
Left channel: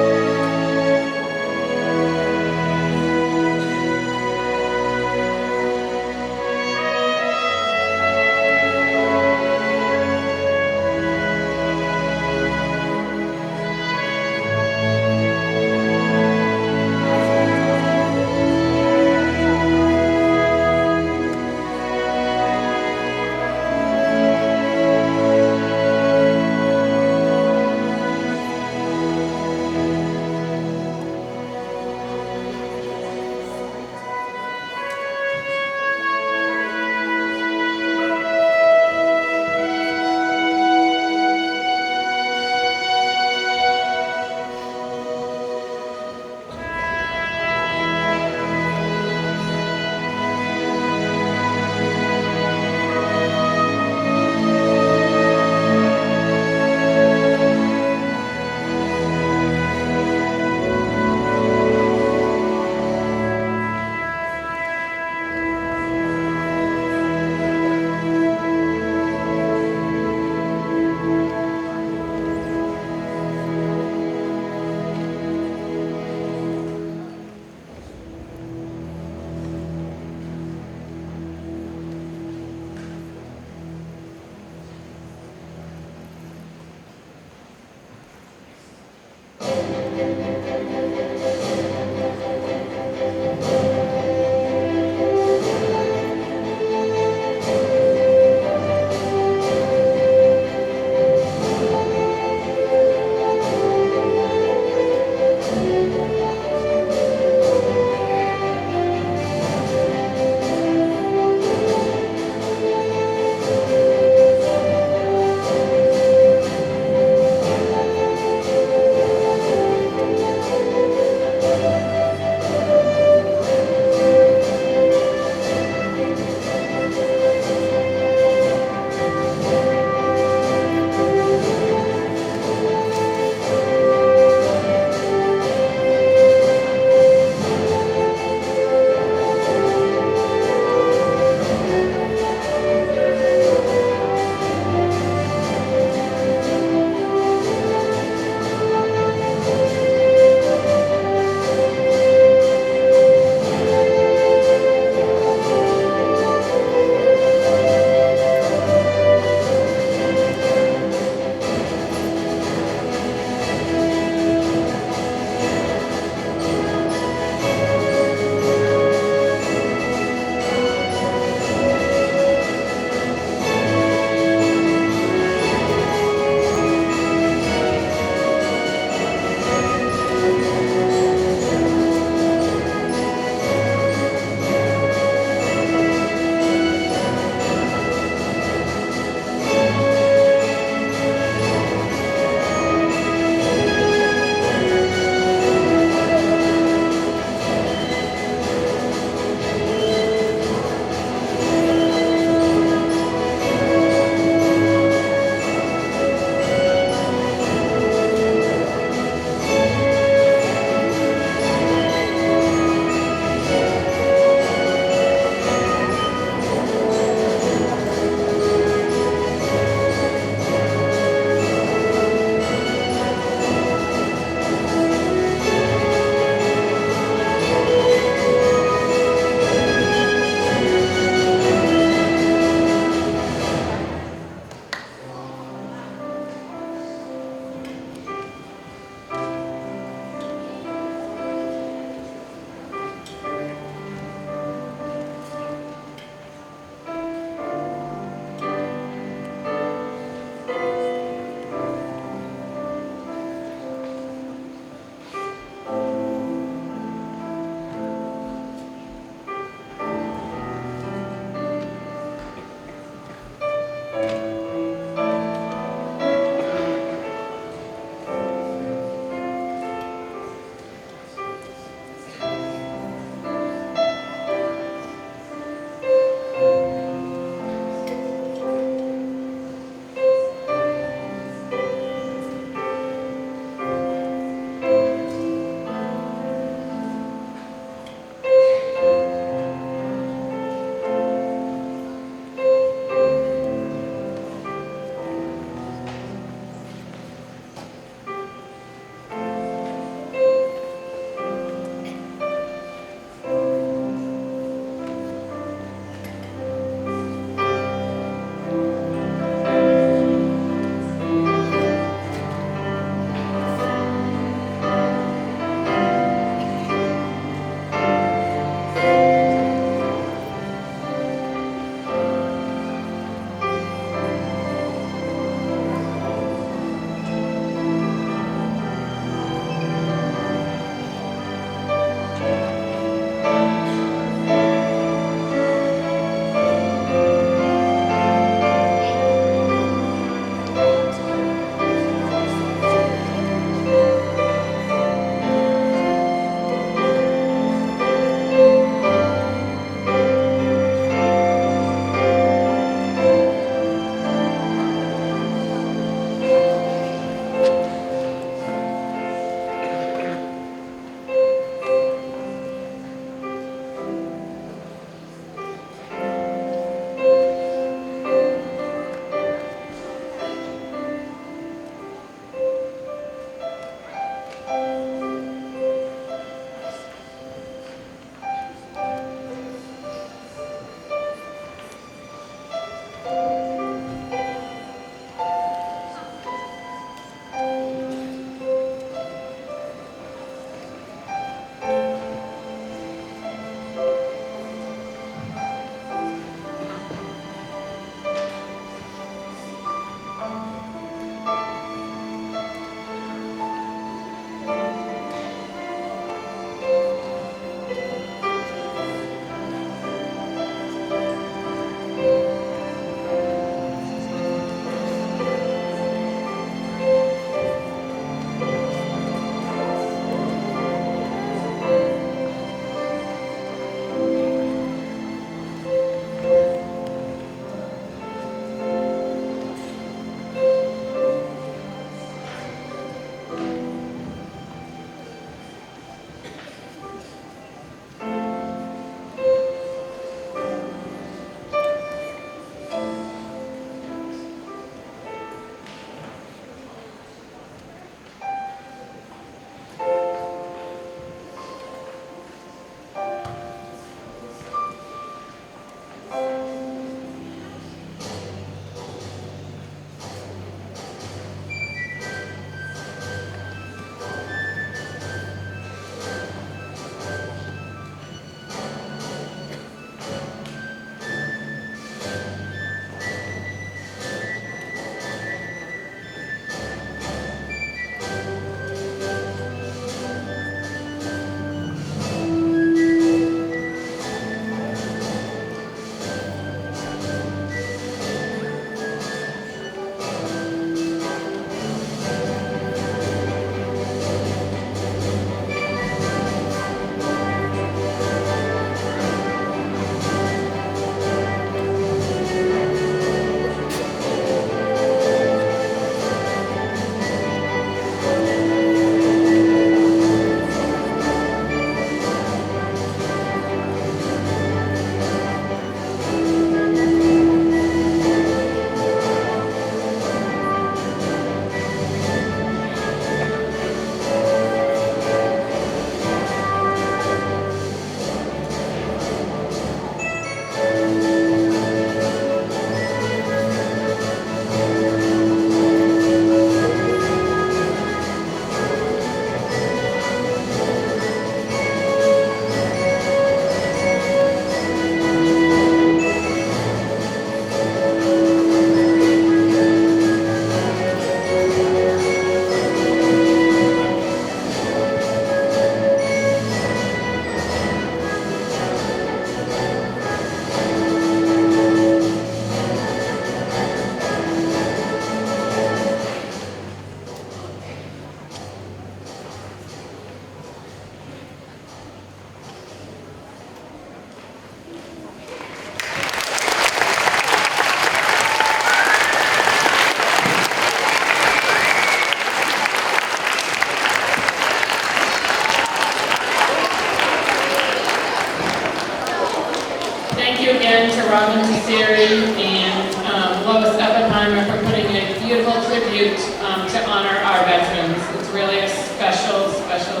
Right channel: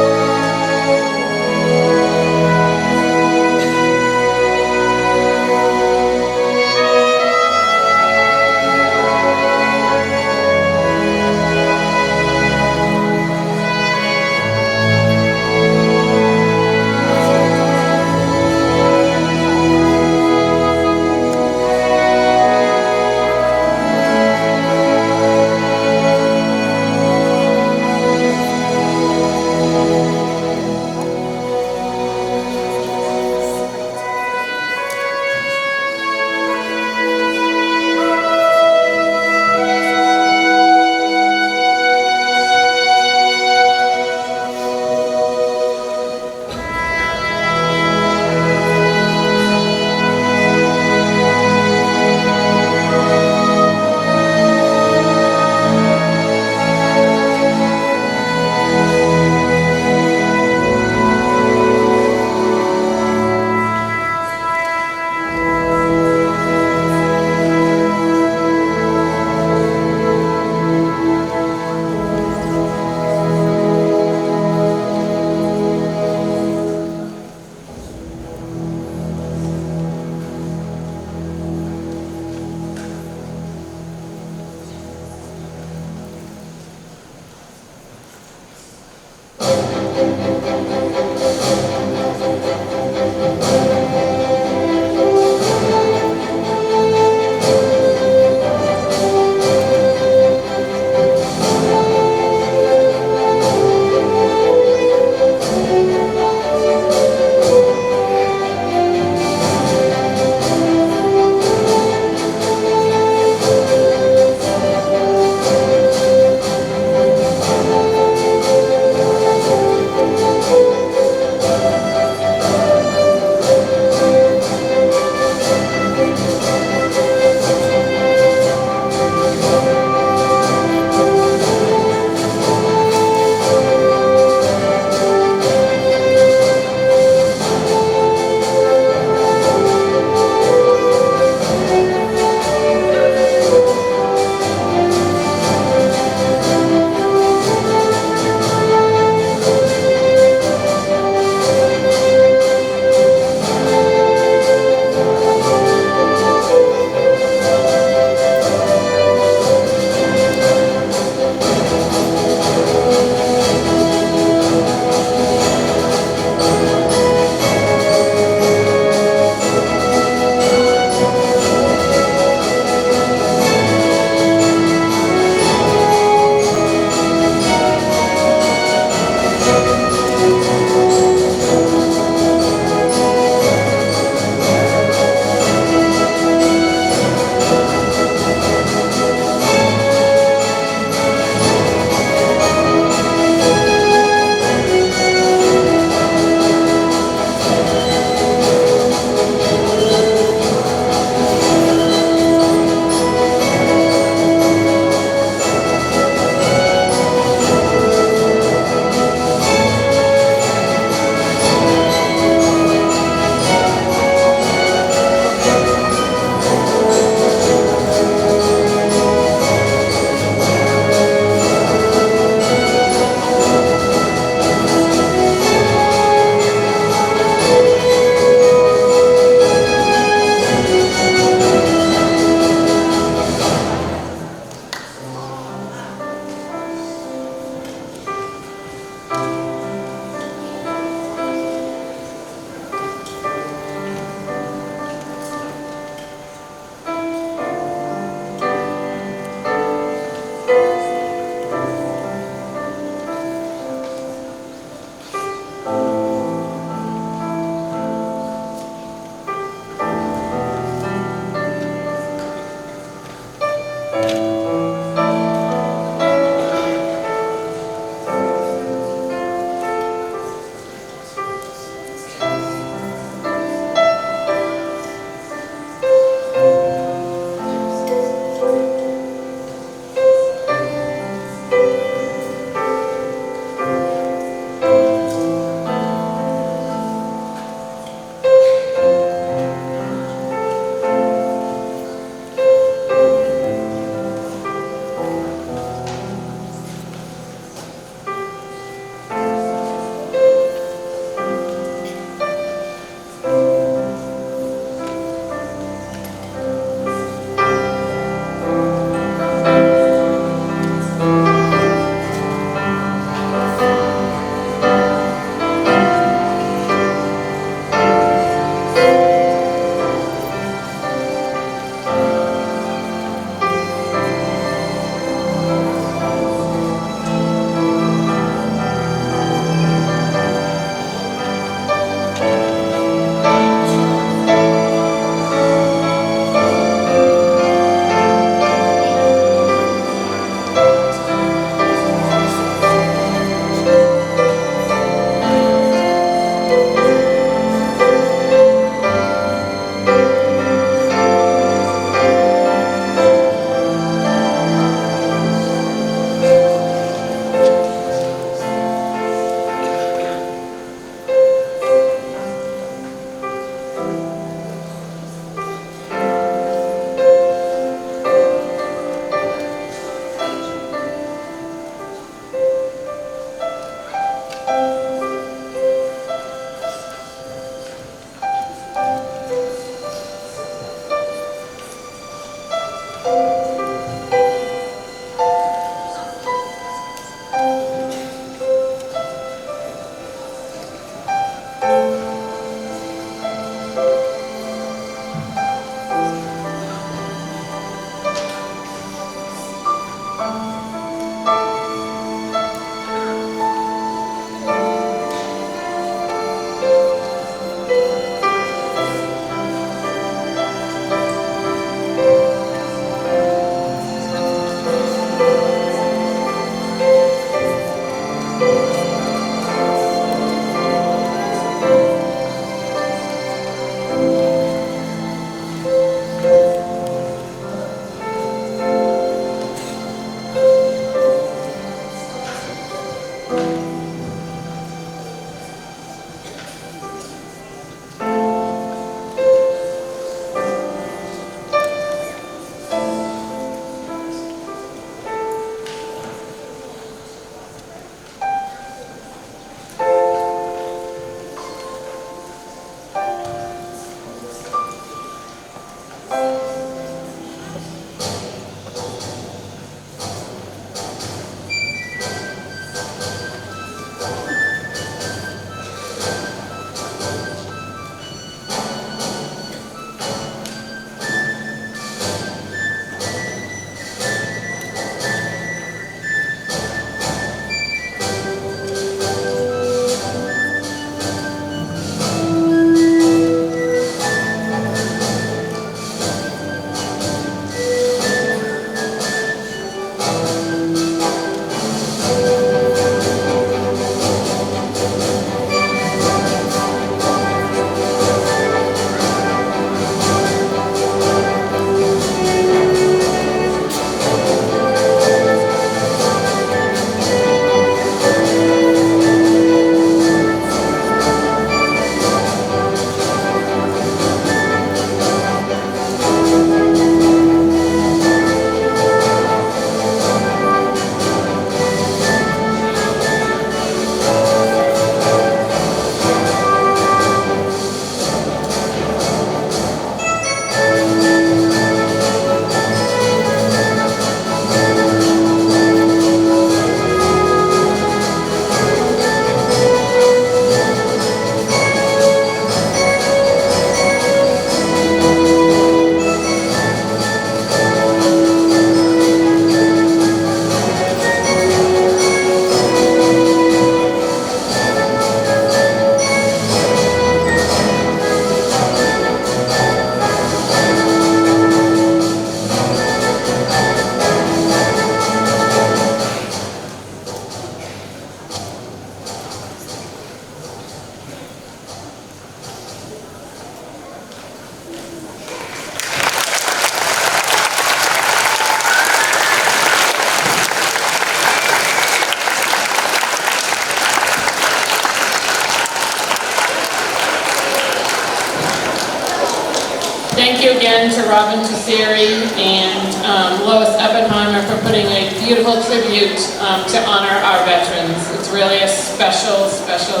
Thank you again to Robin Tesseri and Lois Oppenheimer for putting a beautiful tribute to honor our veterans. It's really a special, special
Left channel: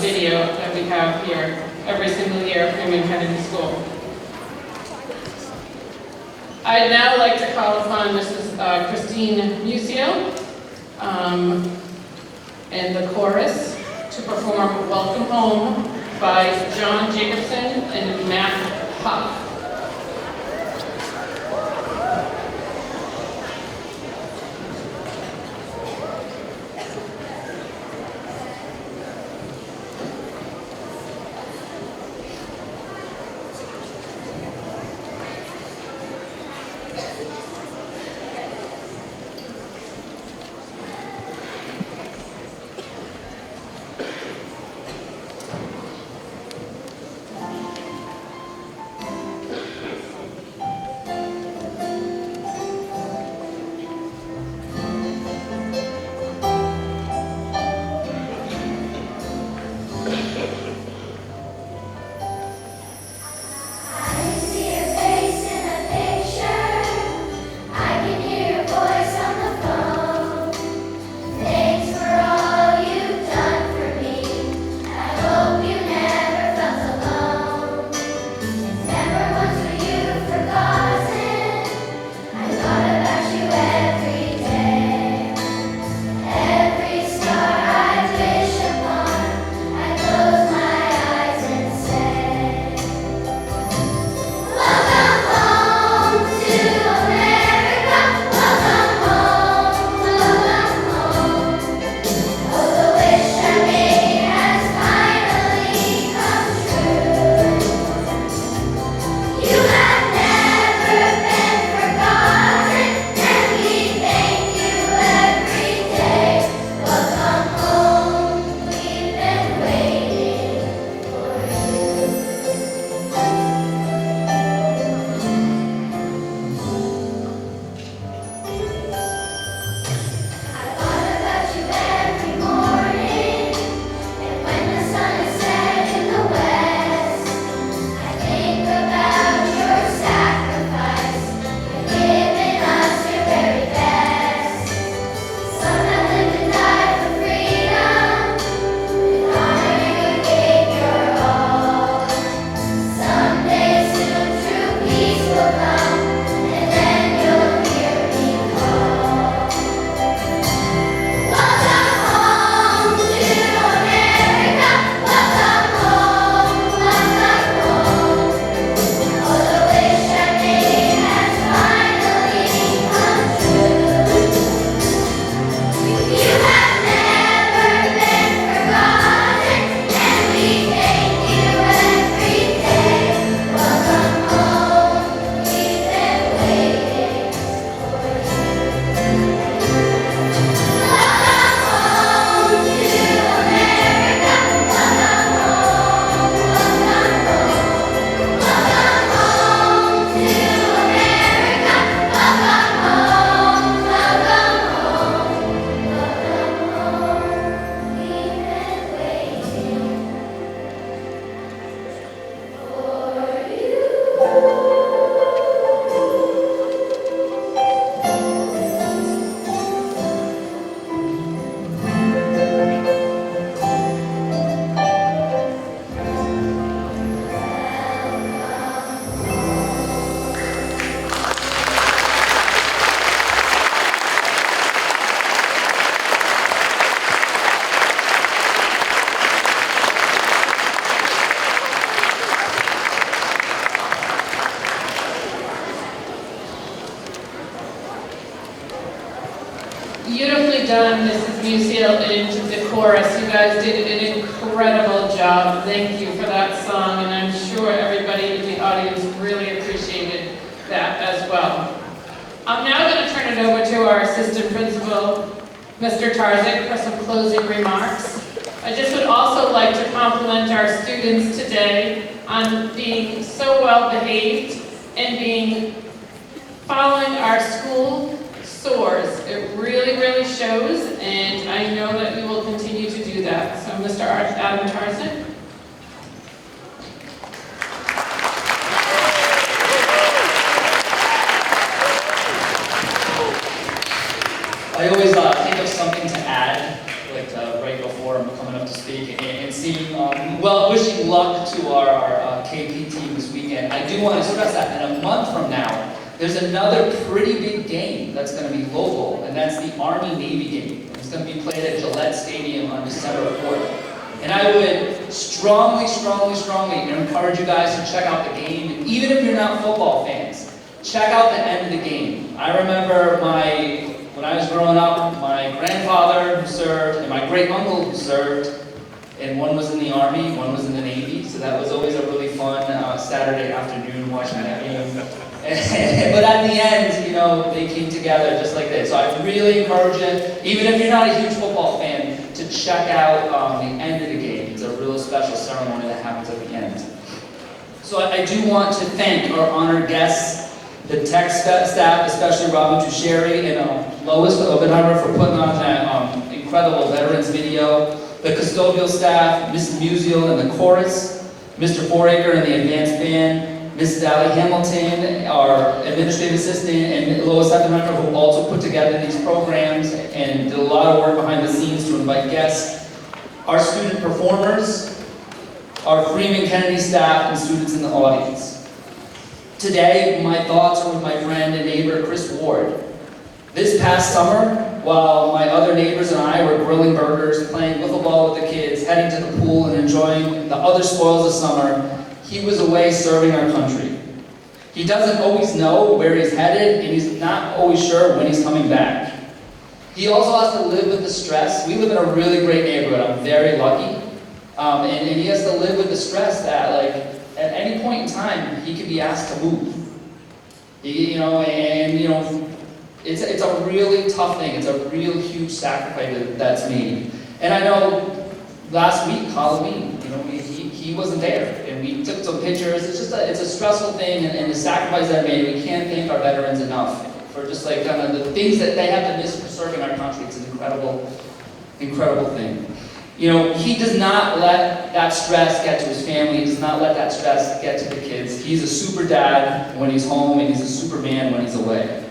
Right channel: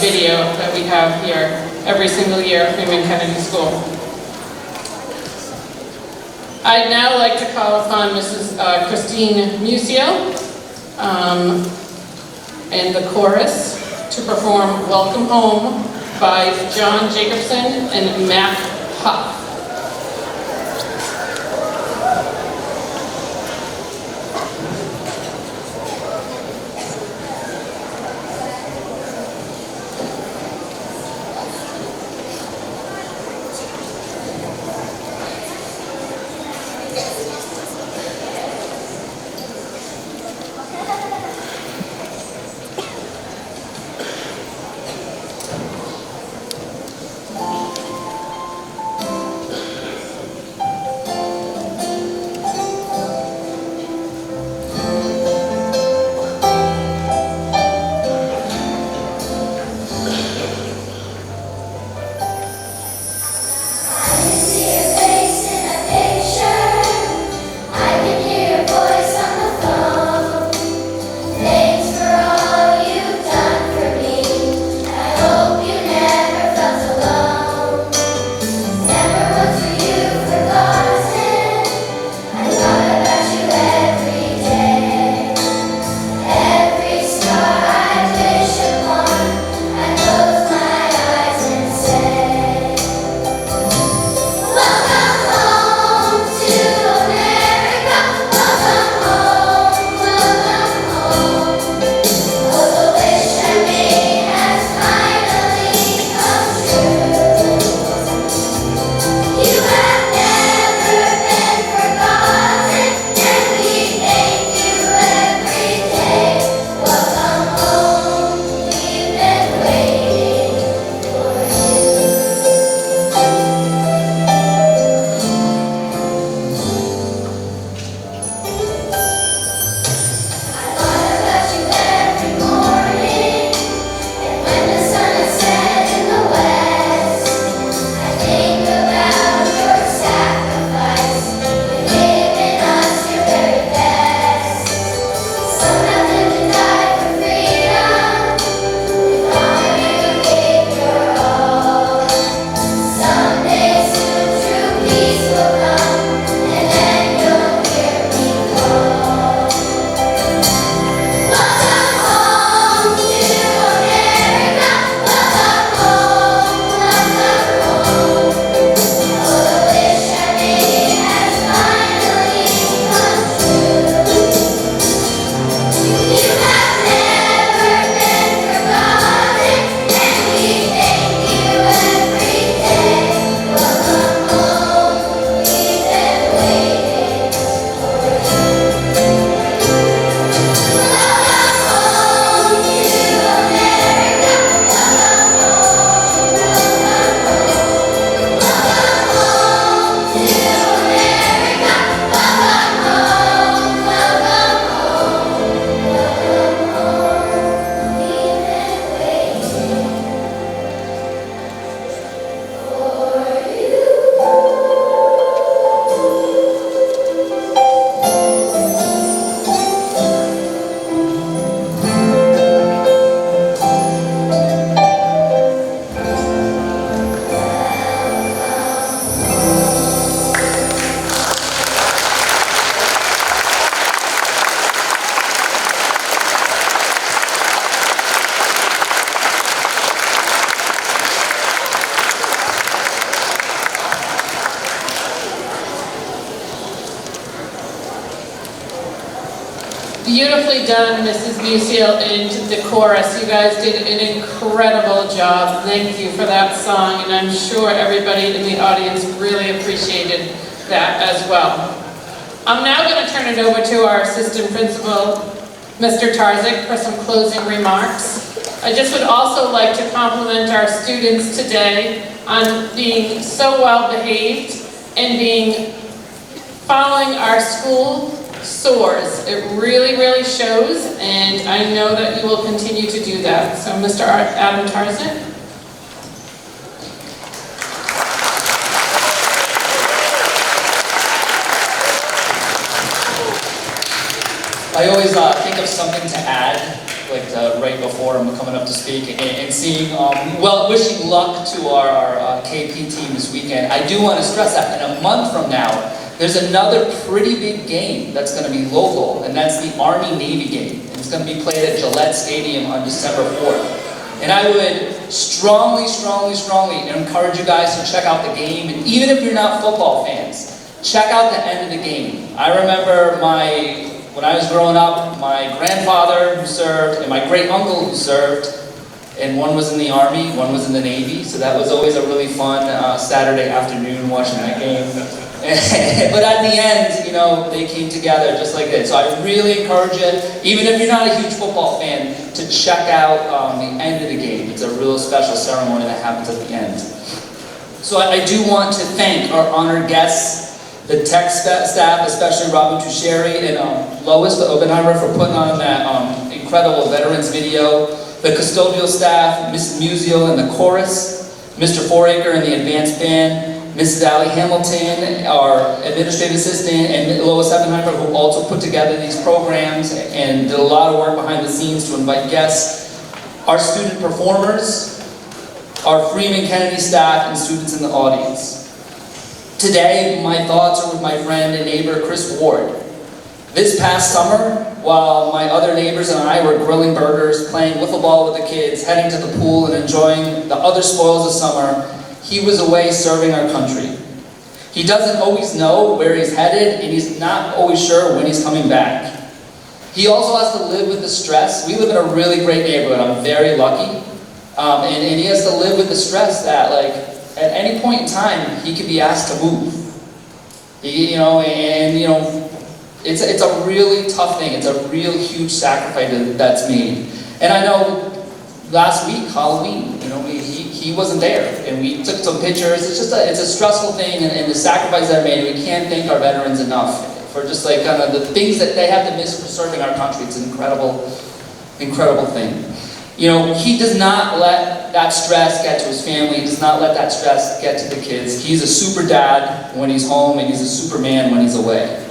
video that we have here every single year at Freeman-Kennedy School. I'd now like to call upon Mrs. Christine Musio and the chorus to perform Welcome Home by John Jacobson and Matt Huff. Beautifully done, Mrs. Musial and the chorus. You guys did an incredible job. Thank you for that song, and I'm sure everybody in the audience really appreciated that as well. I'm now going to turn it over to our assistant principal, Mr. Tarzik, for some closing remarks. I just would also like to compliment our students today on being so well behaved and following our school SOARs. It really, really shows, and I know that you will continue to do that. So, Mr. Adam Tarzan. I always think of something to add, like right before I'm coming up to speak, and seeing, wishing luck to our KP team this weekend. I do want to stress that in a month from now, there's another pretty big game that's going to be local, and that's the Army-Navy game. And it's going to be played at Gillette Stadium on December 4th. And I would strongly encourage you guys to check out the game, and even if you're not football fans, check out the end of the game. I remember when I was growing up, my grandfather who served, and my great-uncle who served, and one was in the Army, one was in the Navy, so that was always a really fun Saturday afternoon watching that game. But at the end, you know, they came together just like this. So I really encourage you, even if you're not a huge football fan, to check out the end of the game. It's a real special ceremony that happens at the end. So I do want to thank our honored guests, the tech staff, especially Robin Tucheri and Lois Oppenheimer for putting on that incredible veterans video, the custodial staff, Mrs. Musial and the chorus, Mr. Foraker and the advanced band, Mrs. Allie Hamilton, our administrative assistant, and Lois Oppenheimer, who also put together these programs and did a lot of work behind the scenes to invite guests, our student performers, our Freeman-Kennedy staff, and students in the audience. Today, my thoughts are with my friend and neighbor, Chris Ward. This past summer, while my other neighbors and I were grilling burgers, playing wiffle ball with the kids, heading to the pool, and enjoying the other spoils of summer, he was away serving our country. He doesn't always know where he's headed, and he's not always sure when he's coming back. He also has to live with the stress. We live in a really great neighborhood. I'm very lucky. And he has to live with the stress that, like, at any point in time, he could be asked to move. It's a really tough thing. It's a real huge sacrifice that's made. And I know last week, Halloween, he wasn't there, and we took some pictures. It's a stressful thing, and the sacrifice that are made. We can't thank our veterans enough for just like kind of the things that they have to miss for serving our country. It's an incredible thing. He does not let that stress get to his family. He does not let that stress get to the kids. He's a super dad when he's home, and he's a superman when he's away.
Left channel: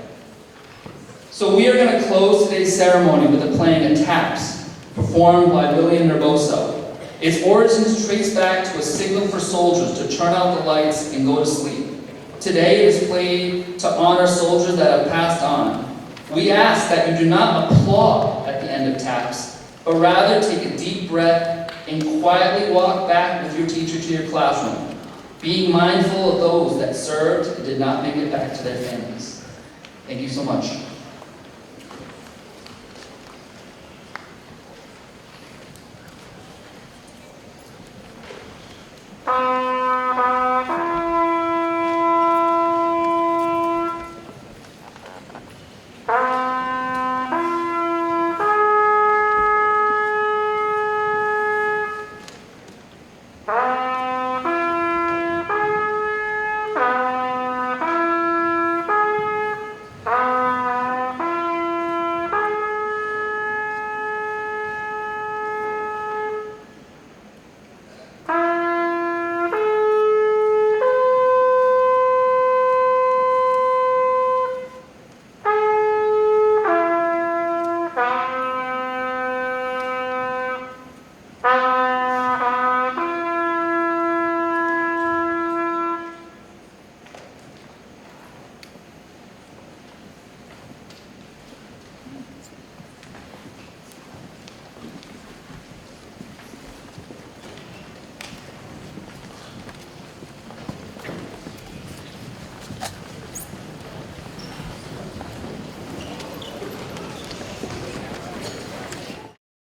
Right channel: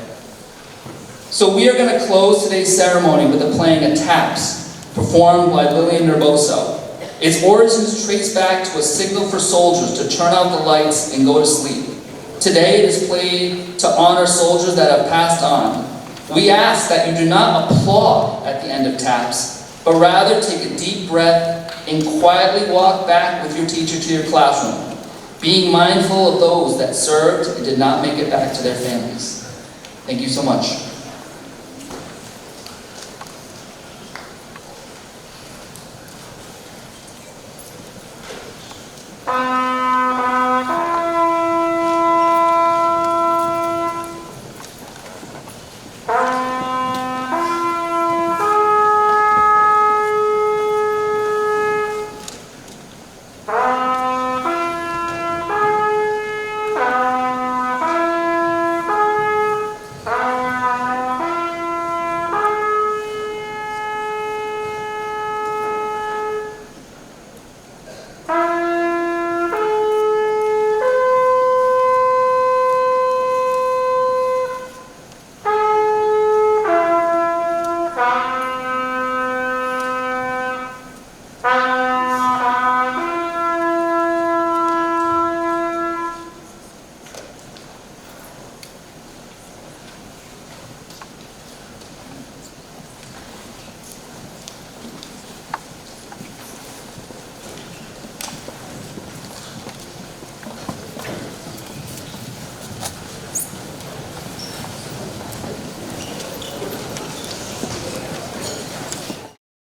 So we are going to close today's ceremony with the playing of taps, performed by Lillian Nervoso. Its origins trace back to a signal for soldiers to turn out the lights and go to sleep. Today it is played to honor soldiers that have passed on. We ask that you do not applaud at the end of taps, but rather take a deep breath and quietly walk back with your teacher to your classroom, being mindful of those that served and did not make it back to their families. Thank you so much.